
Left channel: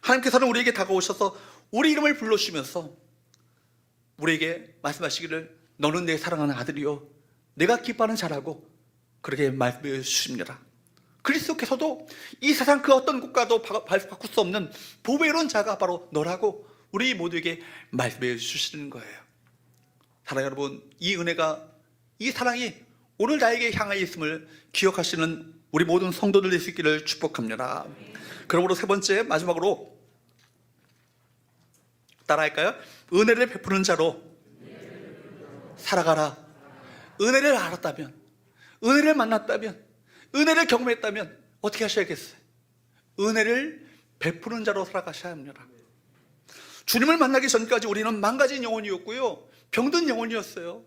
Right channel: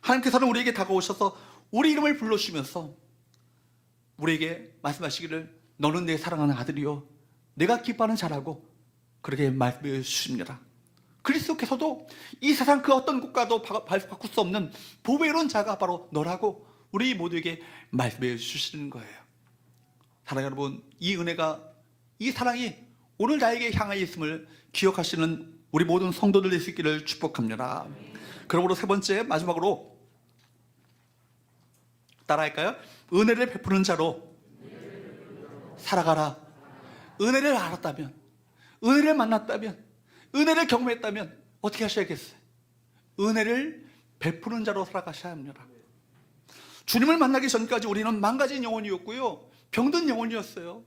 하나님께서는 우리에게 다가오셔서 우리 이름을 불러주시면서 우리에게 말씀하시기를 너는 내 사랑하는 아들이요 내가 기뻐하는 자라고 그렇게 말씀해 주십니다. 그리스도께서도 이 세상 그 어떤 것과도 바꿀 수 없는 보배로운 자가 바로 너라고 우리 모두에게 말씀해 주시는 거예요. 사랑하는 여러분, 이 은혜가, 이 사랑이 오늘 나에게 향하여 있음을 기억하시는 우리 모든 성도들 될 수 있기를 축복합니다. 그러므로 세 번째, 마지막으로 따라할까요? 은혜를 베푸는 자로 살아가라. 은혜를 알았다면, 은혜를 만났다면, 은혜를 경험했다면 어떻게 하셔야겠어요? 은혜를 베푸는 자로 살아가셔야 합니다. 주님을 만나기 전까지 우리는 망가진 영혼이었고요, 병든 영혼이었어요.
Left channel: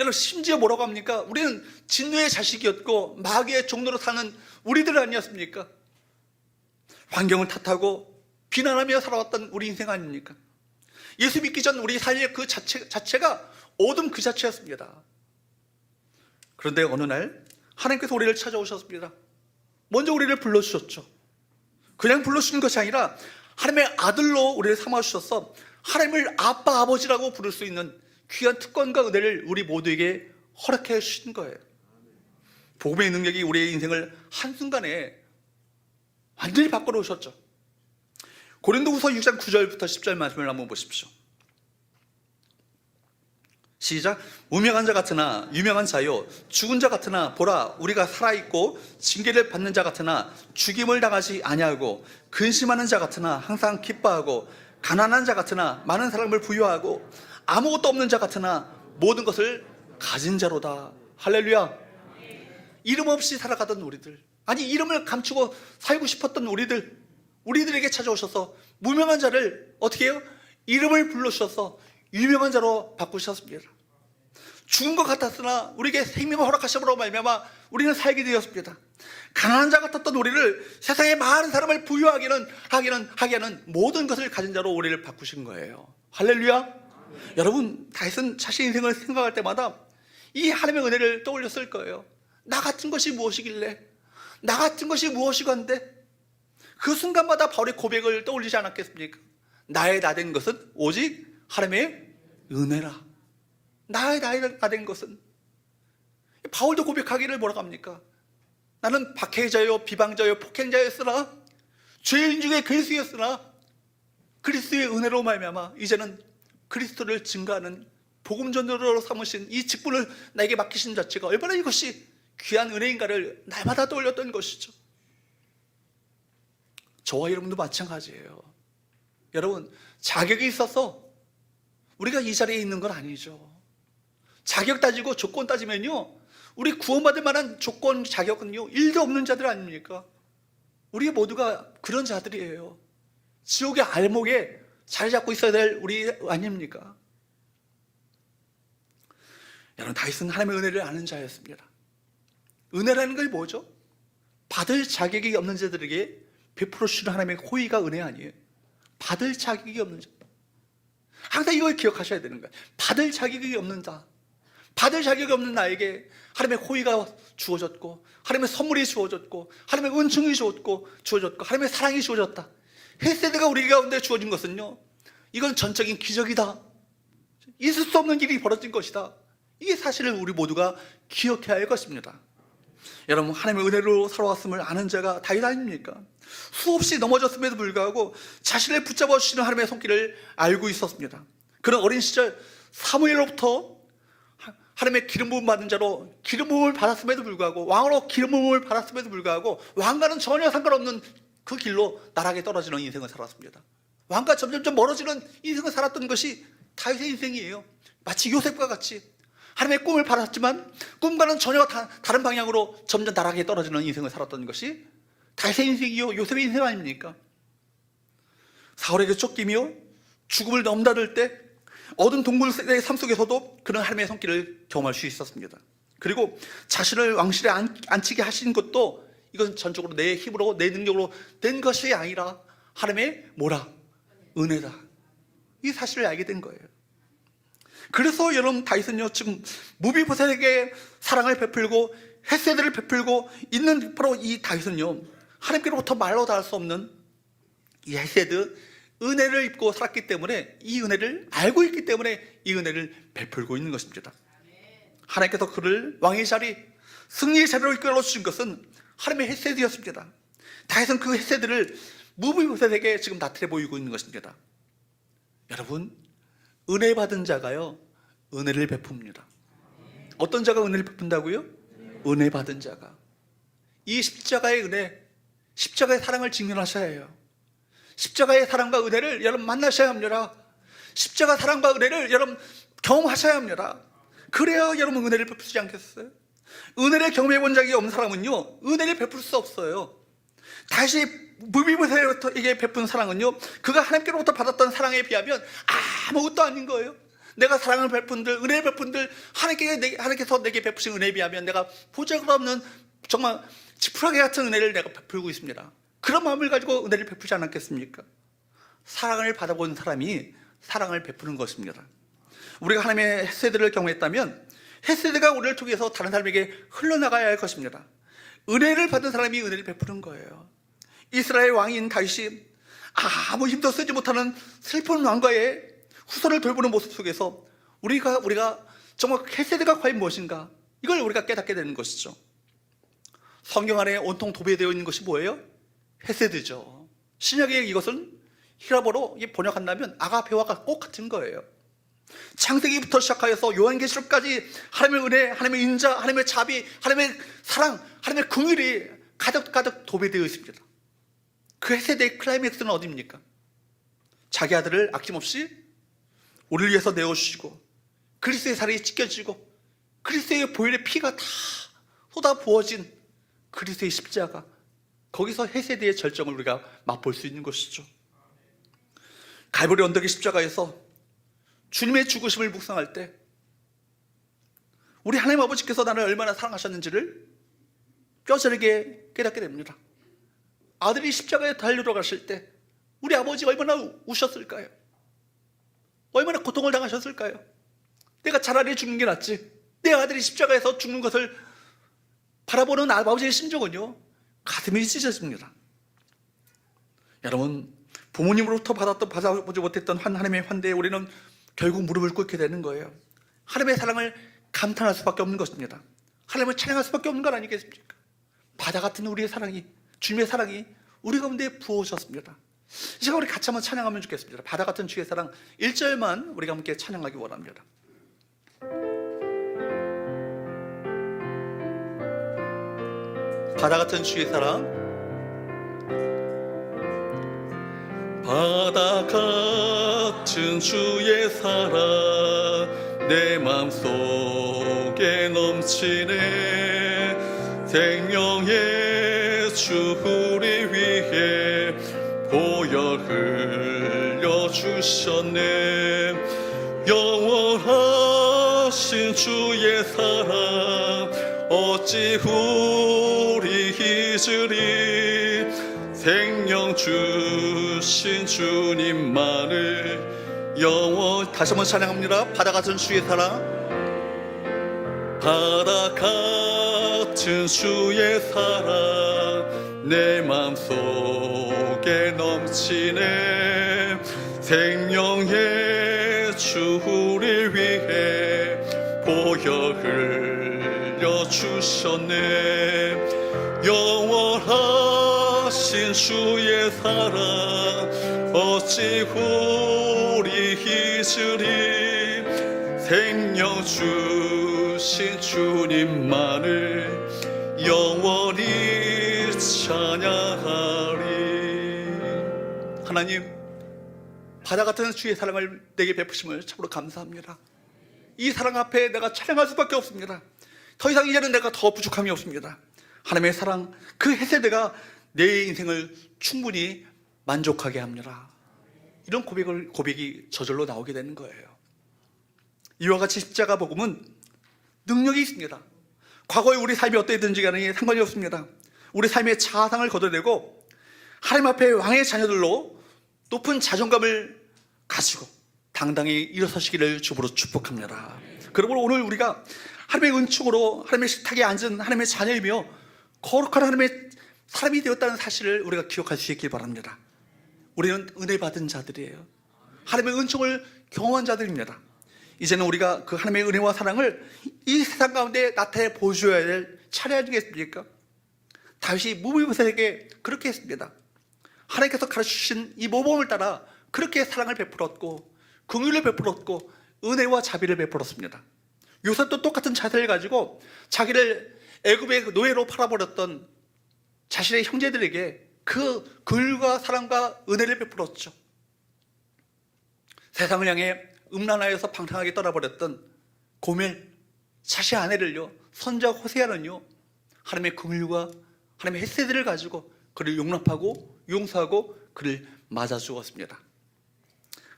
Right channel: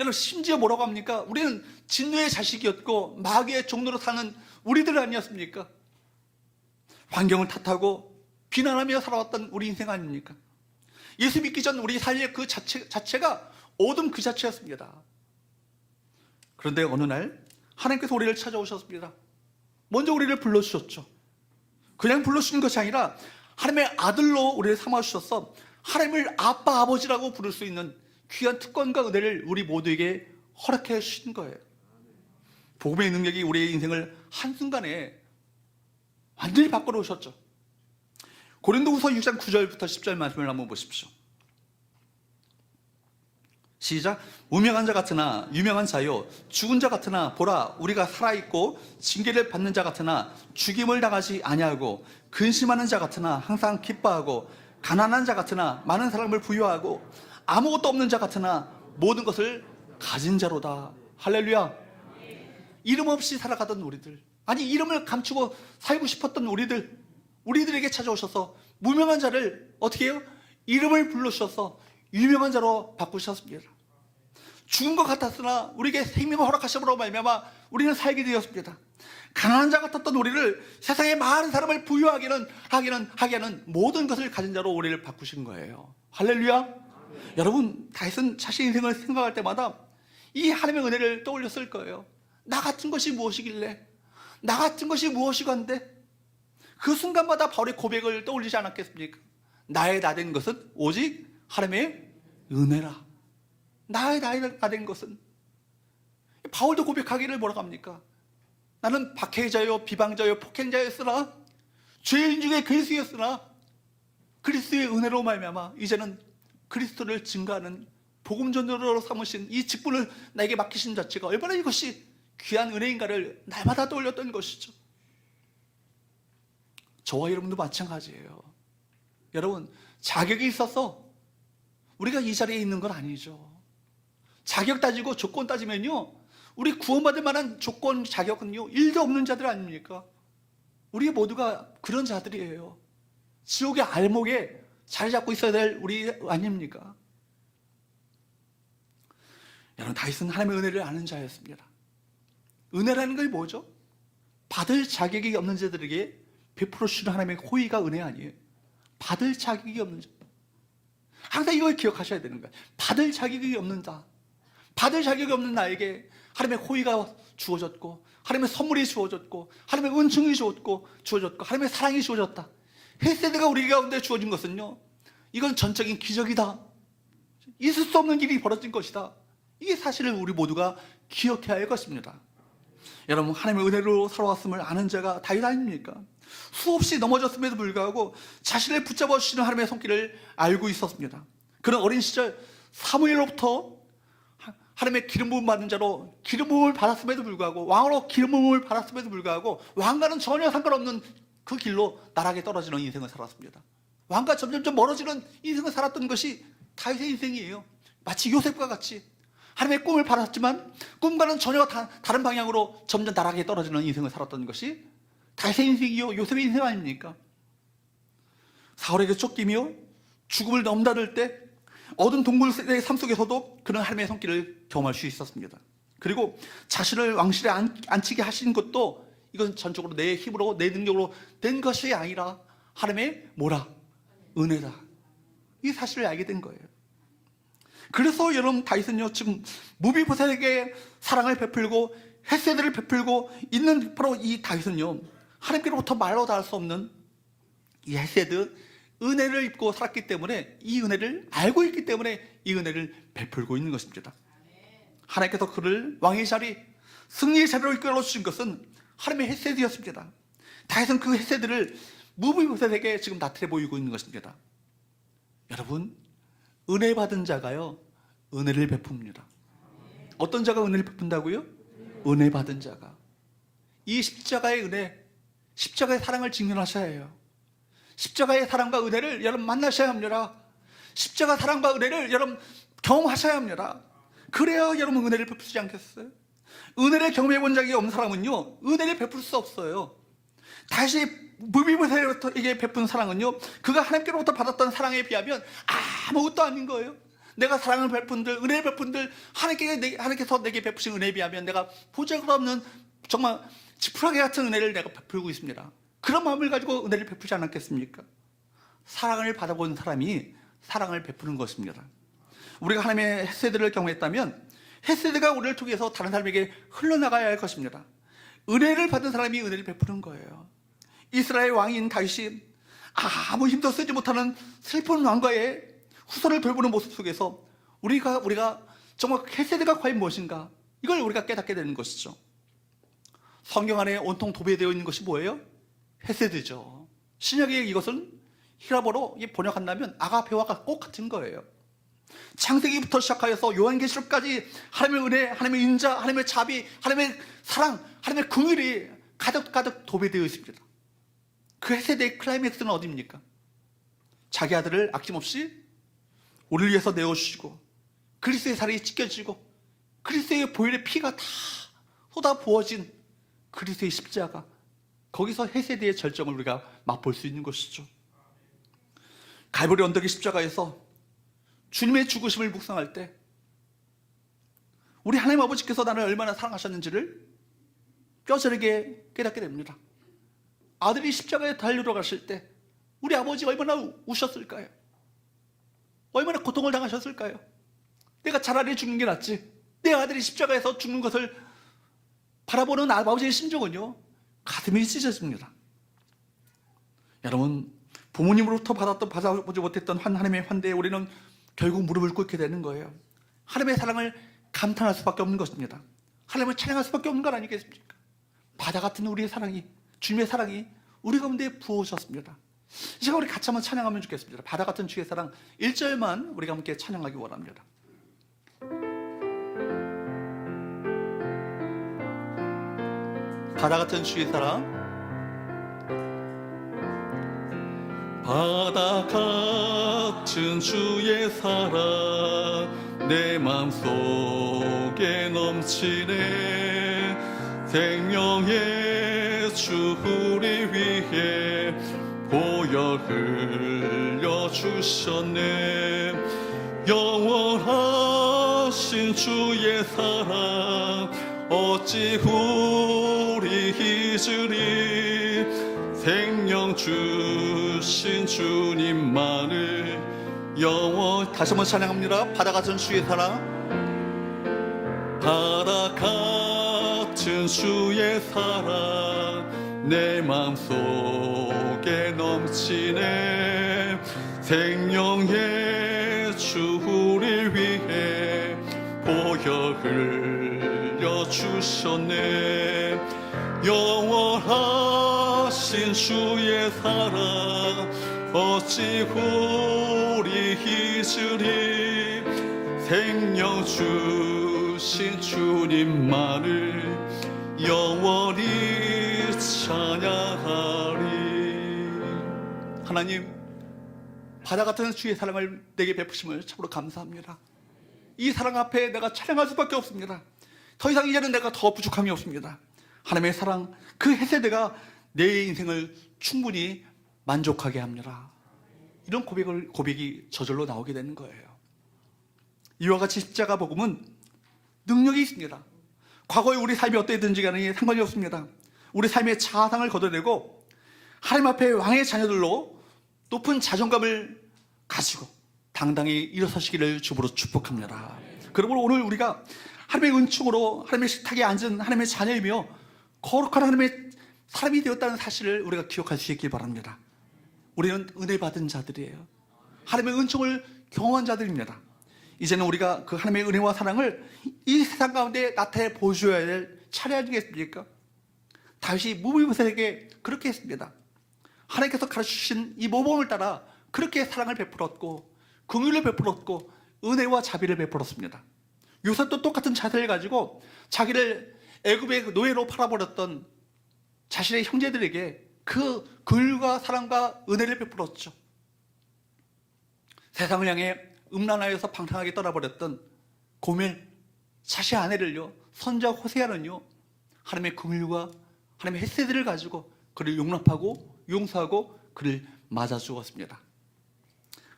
여러분, 심지어 뭐라고 합니까? 우리는 진노의 자식이었고 마귀의 종로로 사는 우리들 아니었습니까? 환경을 탓하고 비난하며 살아왔던 우리 인생 아닙니까? 예수 믿기 전 우리 삶의 그 자체가 어둠 그 자체였습니다. 그런데 어느 날 하나님께서 우리를 찾아오셨습니다. 먼저 우리를 불러주셨죠. 그냥 불러주시는 것이 아니라 하나님의 아들로 우리를 삼아주셔서 하나님을 아빠 아버지라고 부를 수 있는 귀한 특권과 은혜를 우리 모두에게 허락해 주신 거예요. 복음의 능력이 우리의 인생을 한순간에 완전히 바꿔놓으셨죠. 고린도후서 6장 9절부터 10절 말씀을 한번 보십시오. 시작. 무명한 자 같으나 유명한 자요, 죽은 자 같으나 보라 우리가 살아있고 징계를 받는 자 같으나 죽임을 당하지 아니하고, 근심하는 자 같으나 항상 기뻐하고, 가난한 자 같으나 많은 사람을 부유하고, 아무것도 없는 자 같으나 모든 것을 가진 자로다. 할렐루야. 이름 없이 살아가던 우리들, 아니 이름을 감추고 살고 싶었던 우리들에게 찾아오셔서 무명한 자를 어떻게 해요? 이름을 불러주셔서 유명한 자로 바꾸셨습니다. 죽은 것 같았으나 우리에게 생명을 허락하심으로 말미암아 우리는 살게 되었습니다. 가난한 자 같았던 우리를 세상의 많은 사람을 부유하게 하는 모든 것을 가진 자로 우리를 바꾸신 거예요. 할렐루야. 여러분, 다윗은 자신 인생을 생각할 때마다 이 하나님의 은혜를 떠올렸을 거예요. 나 같은 것이 무엇이길래, 나 같은 것이 무엇이건데, 그 순간마다 바울의 고백을 떠올리지 않았겠습니까? 나의 나 된 것은 오직 하나님의 은혜라. 나의 나 된 것은. 바울도 고백하기를 뭐라고 합니까? 나는 박해자요 비방자요 폭행자였으나 죄인 중에 괴수였으나 그리스도의 은혜로 말미암아 이제는 그리스도를 증거하는 복음전도로 삼으신 이 직분을 나에게 맡기신 자체가 얼마나 이것이 귀한 은혜인가를 날마다 떠올렸던 것이죠. 저와 여러분도 마찬가지예요. 여러분, 자격이 있어서 우리가 이 자리에 있는 건 아니죠. 자격 따지고 조건 따지면요, 우리 구원받을 만한 조건, 자격은요 1도 없는 자들 아닙니까? 우리 모두가 그런 자들이에요. 지옥의 알목에 자리 잡고 있어야 될 우리 아닙니까? 여러분, 다윗은 하나님의 은혜를 아는 자였습니다. 은혜라는 게 뭐죠? 받을 자격이 없는 자들에게 베풀어 주시는 하나님의 호의가 은혜 아니에요? 받을 자격이 없는 자. 항상 이걸 기억하셔야 되는 거예요. 받을 자격이 없는 자, 받을 자격이 없는 나에게 하나님의 호의가 주어졌고, 하나님의 선물이 주어졌고, 하나님의 은총이 주어졌고, 하나님의 사랑이 주어졌다. 헤세드가 우리 가운데 주어진 것은요, 이건 전적인 기적이다. 있을 수 없는 일이 벌어진 것이다. 이게 사실을 우리 모두가 기억해야 할 것입니다. 여러분, 하나님의 은혜로 살아왔음을 아는 자가 다윗 아닙니까? 수없이 넘어졌음에도 불구하고 자신을 붙잡아 주시는 하나님의 손길을 알고 있었습니다. 그는 어린 시절 사무엘로부터 하나님의 기름 부음 받은 자로 기름 부음을 받았음에도 불구하고, 왕으로 기름 부음을 받았음에도 불구하고 왕과는 전혀 상관없는 그 길로 나락에 떨어지는 인생을 살았습니다. 왕과 점점 멀어지는 인생을 살았던 것이 다윗의 인생이에요. 마치 요셉과 같이 하나님의 꿈을 받았지만 꿈과는 전혀 다른 방향으로 점점 나락에 떨어지는 인생을 살았던 것이 다윗의 인생이요 요셉의 인생 아닙니까? 사울에게 쫓기며 죽음을 넘나들 때 어두운 동굴의 삶 속에서도 그는 하나님의 손길을 경험할 수 있었습니다. 그리고 자신을 왕실에 앉히게 하신 것도 이건 전적으로 내 힘으로 내 능력으로 된 것이 아니라 하나님의 뭐라? 은혜다. 이 사실을 알게 된 거예요. 그래서 여러분, 다윗은요 지금 무비보셋에게 사랑을 베풀고 헤세드를 베풀고 있는 바로 이 다윗은요, 하나님께로부터 말로 닿을 수 없는 이 헤세드, 은혜를 입고 살았기 때문에, 이 은혜를 알고 있기 때문에 이 은혜를 베풀고 있는 것입니다. 하나님께서 그를 왕의 자리, 승리의 자리로 이끌어 주신 것은 하나님의 헤세드였습니다. 다윗은 그 헤세드를 무비보셋에게 지금 나타내 보이고 있는 것입니다. 여러분, 은혜 받은 자가요 은혜를 베풉니다. 어떤 자가 은혜를 베푼다고요? 은혜 받은 자가. 이 십자가의 은혜, 십자가의 사랑을 직면하셔야 해요. 십자가의 사랑과 은혜를 여러분 만나셔야 합니다. 십자가 사랑과 은혜를 여러분 경험하셔야 합니다. 그래야 여러분 은혜를 베푸지 않겠어요? 은혜를 경험해 본 적이 없는 사람은요 은혜를 베풀 수 없어요. 다시 무비보셋에게 베푼 사랑은요, 그가 하나님께로부터 받았던 사랑에 비하면 아무것도 아닌 거예요. 내가 사랑을 베푼들, 은혜를 베푼들, 하나님께서 내게 베푸신 은혜에 비하면 내가 보잘것없는 정말 지푸라기 같은 은혜를 내가 베풀고 있습니다. 그런 마음을 가지고 은혜를 베푸지 않았겠습니까? 사랑을 받아본 사람이 사랑을 베푸는 것입니다. 우리가 하나님의 헤세드를 경험했다면 헤세드가 우리를 통해서 다른 사람에게 흘러나가야 할 것입니다. 은혜를 받은 사람이 은혜를 베푸는 거예요. 이스라엘 왕인 다윗이 아무 힘도 쓰지 못하는 슬픈 왕과의 후손을 돌보는 모습 속에서 우리가 정말 헤세드가 과연 무엇인가, 이걸 우리가 깨닫게 되는 것이죠. 성경 안에 온통 도배되어 있는 것이 뭐예요? 헤세드죠. 신약의 이것은 히라보로 번역한다면 아가페와 꼭 같은 거예요. 창세기부터 시작하여서 요한계시록까지 하나님의 은혜, 하나님의 인자, 하나님의 자비, 하나님의 사랑, 하나님의 긍휼이 가득가득 도배되어 있습니다. 그 헤세드의 클라이맥스는 어디입니까? 자기 아들을 아낌없이 우리를 위해서 내어주시고, 그리스도의 살이 찢겨지고, 그리스도의 보혈의 피가 다 쏟아 부어진 그리스도의 십자가, 거기서 헤세드의 절정을 우리가 맛볼 수 있는 것이죠. 갈보리 언덕의 십자가에서 주님의 죽으심을 묵상할 때 우리 하나님 아버지께서 나를 얼마나 사랑하셨는지를 뼈저리게 깨닫게 됩니다. 아들이 십자가에 달려 가실 때 우리 아버지가 얼마나 우셨을까요? 얼마나 고통을 당하셨을까요? 내가 차라리 죽는 게 낫지, 내 아들이 십자가에서 죽는 것을 바라보는 아버지의 심정은요, 가슴이 찢어집니다. 여러분, 부모님으로부터 받아보지 못했던 하나님의 환대에 우리는 결국 무릎을 꿇게 되는 거예요. 하나님의 사랑을 감탄할 수밖에 없는 것입니다. 하나님을 찬양할 수밖에 없는 건 아니겠습니까? 바다 같은 우리의 사랑이, 주님의 사랑이 우리 가운데 부어오셨습니다. 이 시간 우리 같이 한번 찬양하면 좋겠습니다. 바다 같은 주의 사랑 1절만 우리가 함께 찬양하기 원합니다. 바다 같은 주의 사랑. 바다 같은 주의 사랑 내 맘속에 넘치네. 생명의 주 우리 위해 보혈 흘려주셨네. 영원하신 주의 사랑 어찌 우리 잊으리. 생명 주신 주님만을 다시 한번 찬양합니다. 바다 같은 주의 사랑. 바다 같은 주의 사랑 내 맘속에 넘치네. 생명의 주 우리 위해 보혈 흘려주셨네. 영원하신 주의 사랑 어찌 우리 잊으리. 생명 주신 주님만을 영원히 찬양하리. 하나님, 바다 같은 주의 사랑을 내게 베푸심을 참으로 감사합니다. 이 사랑 앞에 내가 찬양할 수밖에 없습니다. 더 이상 이제는 내가 더 부족함이 없습니다. 하나님의 사랑, 그 헤세드가 내 인생을 충분히 만족하게 합니다. 이런 고백이 저절로 나오게 되는 거예요. 이와 같이 십자가 복음은 능력이 있습니다. 과거에 우리 삶이 어떠했든지 간에 상관이 없습니다. 우리 삶의 자아상을 걷어내고 하나님 앞에 왕의 자녀들로 높은 자존감을 가지고 당당히 일어서시기를 주부로 축복합니다. 그러므로 오늘 우리가 하나님의 은총으로 하나님의 식탁에 앉은 하나님의 자녀이며 거룩한 하나님의 사람이 되었다는 사실을 우리가 기억할 수 있길 바랍니다. 우리는 은혜 받은 자들이에요. 하나님의 은총을 경험한 자들입니다. 이제는 우리가 그 하나님의 은혜와 사랑을 이 세상 가운데 나타내 보여줘야 될 차례 아니겠습니까? 다윗이 무비보셋에게 그렇게 했습니다. 하나님께서 가르쳐주신 이 모범을 따라 그렇게 사랑을 베풀었고 긍휼을 베풀었고 은혜와 자비를 베풀었습니다. 요셉도 똑같은 자세를 가지고 자기를 애굽의 노예로 팔아버렸던 자신의 형제들에게 그 긍휼과 사랑과 은혜를 베풀었죠. 세상을 향해 음란하여서 방탕하게 떠나버렸던 고멜, 자신의 아내를요, 선자 호세아는요, 하나님의 긍휼과 하나님의 헤세드를 가지고 그를 용납하고 용서하고 그를 맞아 주었습니다.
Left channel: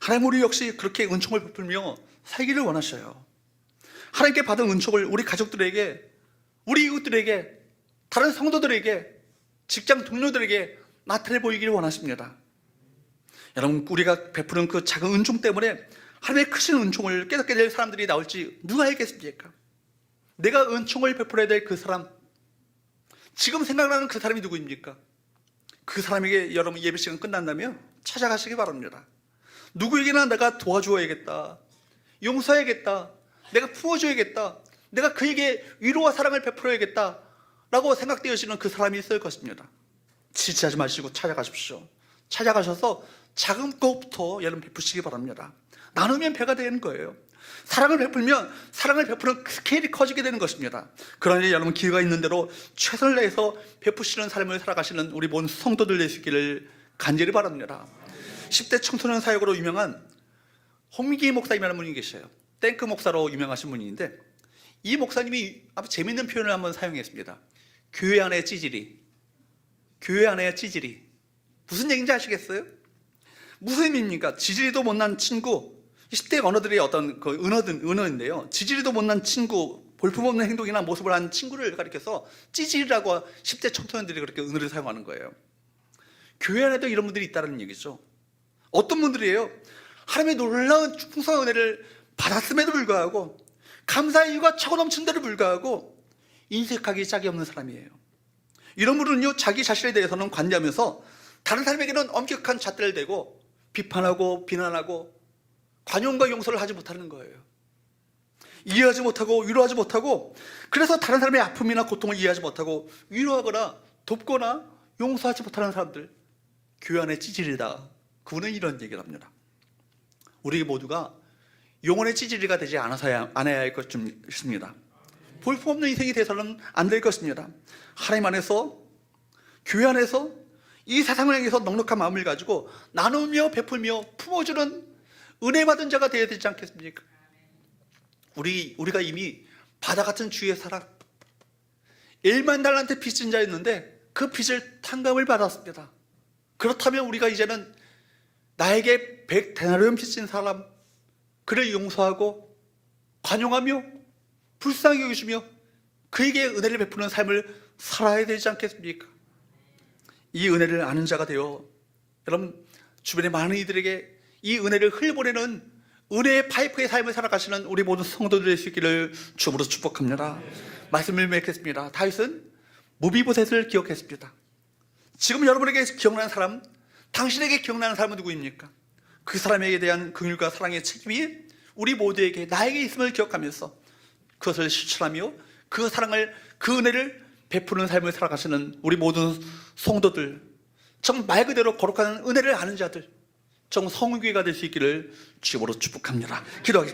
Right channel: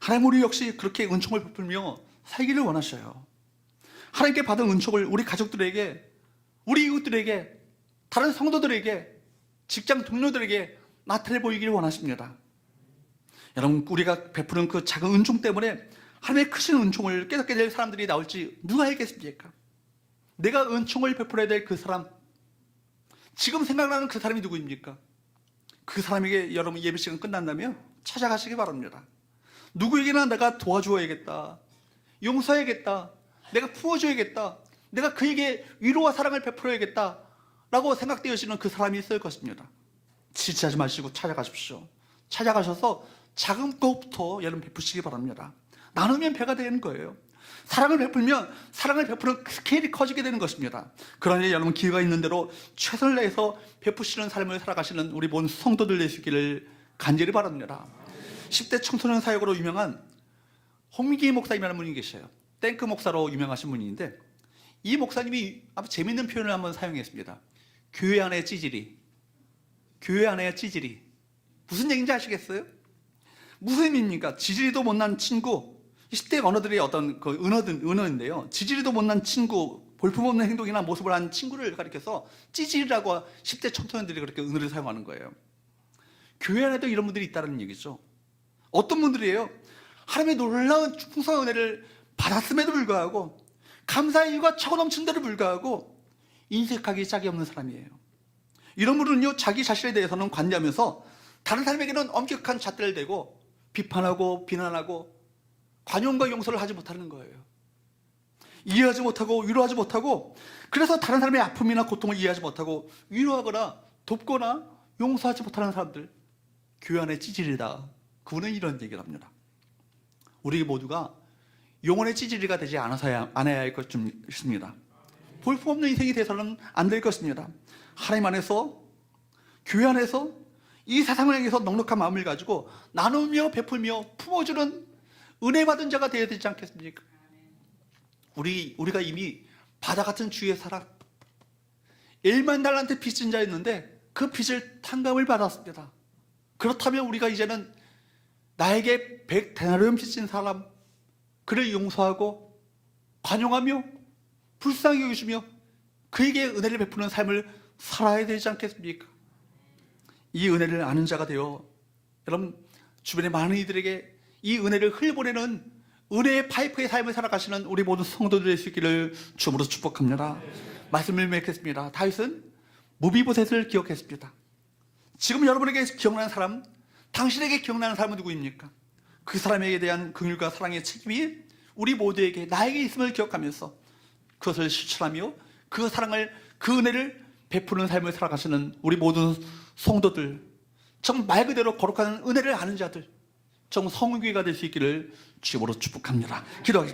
하나님, 우리 역시 그렇게 은총을 베풀며 살기를 원하셔요. 하나님께 받은 은총을 우리 가족들에게, 우리 이웃들에게, 다른 성도들에게, 직장 동료들에게 나타내 보이기를 원하십니다. 여러분, 우리가 베푸는 그 작은 은총 때문에 하나님의 크신 은총을 깨닫게 될 사람들이 나올지 누가 알겠습니까? 내가 은총을 베풀어야 될 그 사람, 지금 생각나는 그 사람이 누구입니까? 그 사람에게 여러분 예배 시간 끝난다면 찾아가시기 바랍니다. 누구에게나 내가 도와줘야겠다, 용서해야겠다, 내가 품어줘야겠다, 내가 그에게 위로와 사랑을 베풀어야겠다 라고 생각되어지는 그 사람이 있을 것입니다. 지체하지 마시고 찾아가십시오. 찾아가셔서 작은 것부터 여러분 베푸시기 바랍니다. 나누면 배가 되는 거예요. 사랑을 베풀면 사랑을 베푸는 스케일이 커지게 되는 것입니다. 그러니 여러분 기회가 있는 대로 최선을 다해서 베푸시는 삶을 살아가시는 우리 모든 성도들 되시기를 간절히 바랍니다. 10대 청소년 사역으로 유명한 홍민기 목사님이라는 분이 계셔요. 탱크 목사로 유명하신 분인데, 이 목사님이 아주 재밌는 표현을 한번 사용했습니다. 교회 안의 찌질이. 교회 안의 찌질이. 무슨 얘기인지 아시겠어요? 무슨 의미입니까? 지지리도 못난 친구, 10대 언어들의 어떤 그 은어인데요. 지지리도 못난 친구, 볼품없는 행동이나 모습을 하는 친구를 가리켜서 찌질이라고 10대 청소년들이 그렇게 은어를 사용하는 거예요. 교회 안에도 이런 분들이 있다는 얘기죠. 어떤 분들이에요? 하나님의 놀라운 풍성한 은혜를 받았음에도 불구하고, 감사의 이유가 차고 넘치는데도 불구하고 인색하기 짝이 없는 사람이에요. 이런 분은요, 자기 자신에 대해서는 관대하면서 다른 사람에게는 엄격한 잣대를 대고 비판하고 비난하고 관용과 용서를 하지 못하는 거예요. 이해하지 못하고 위로하지 못하고, 그래서 다른 사람의 아픔이나 고통을 이해하지 못하고 위로하거나 돕거나 용서하지 못하는 사람들, 교회 안의 찌질이다. 그분은 이런 얘기를 합니다. 우리 모두가 영혼의 찌질이가 되지 않아야 할 것입니다. 볼품없는 인생이 돼서는 안 될 것입니다. 하나님 안에서, 교회 안에서 이 세상을 향해서 넉넉한 마음을 가지고 나누며 베풀며 품어주는 은혜 받은 자가 되어야 되지 않겠습니까? 우리가 이미 바다 같은 주의 사람, 1만 달란트 빚진 자였는데 그 빚을 탕감을 받았습니다. 그렇다면 우리가 이제는 나에게 100데나리온 빚진 사람, 그를 용서하고 관용하며 불쌍히 여기시며 그에게 은혜를 베푸는 삶을 살아야 되지 않겠습니까? 이 은혜를 아는 자가 되어 여러분 주변의 많은 이들에게 이 은혜를 흘려보내는 은혜의 파이프의 삶을 살아가시는 우리 모든 성도들 되시기를 주님으로 축복합니다. 말씀을 맺겠습니다. 다윗은 무비보셋을 기억했습니다. 지금 여러분에게 기억나는 사람, 당신에게 기억나는 사람은 누구입니까? 그 사람에게 대한 긍휼과 사랑의 책임이 우리 모두에게, 나에게 있음을 기억하면서 그것을 실천하며 그 사랑을, 그 은혜를 베푸는 삶을 살아가시는 우리 모든 성도들, 정말 말 그대로 거룩한 은혜를 아는 자들, 정말 성교회가 될 수 있기를 주님으로 축복합니다. 기도하겠습니다.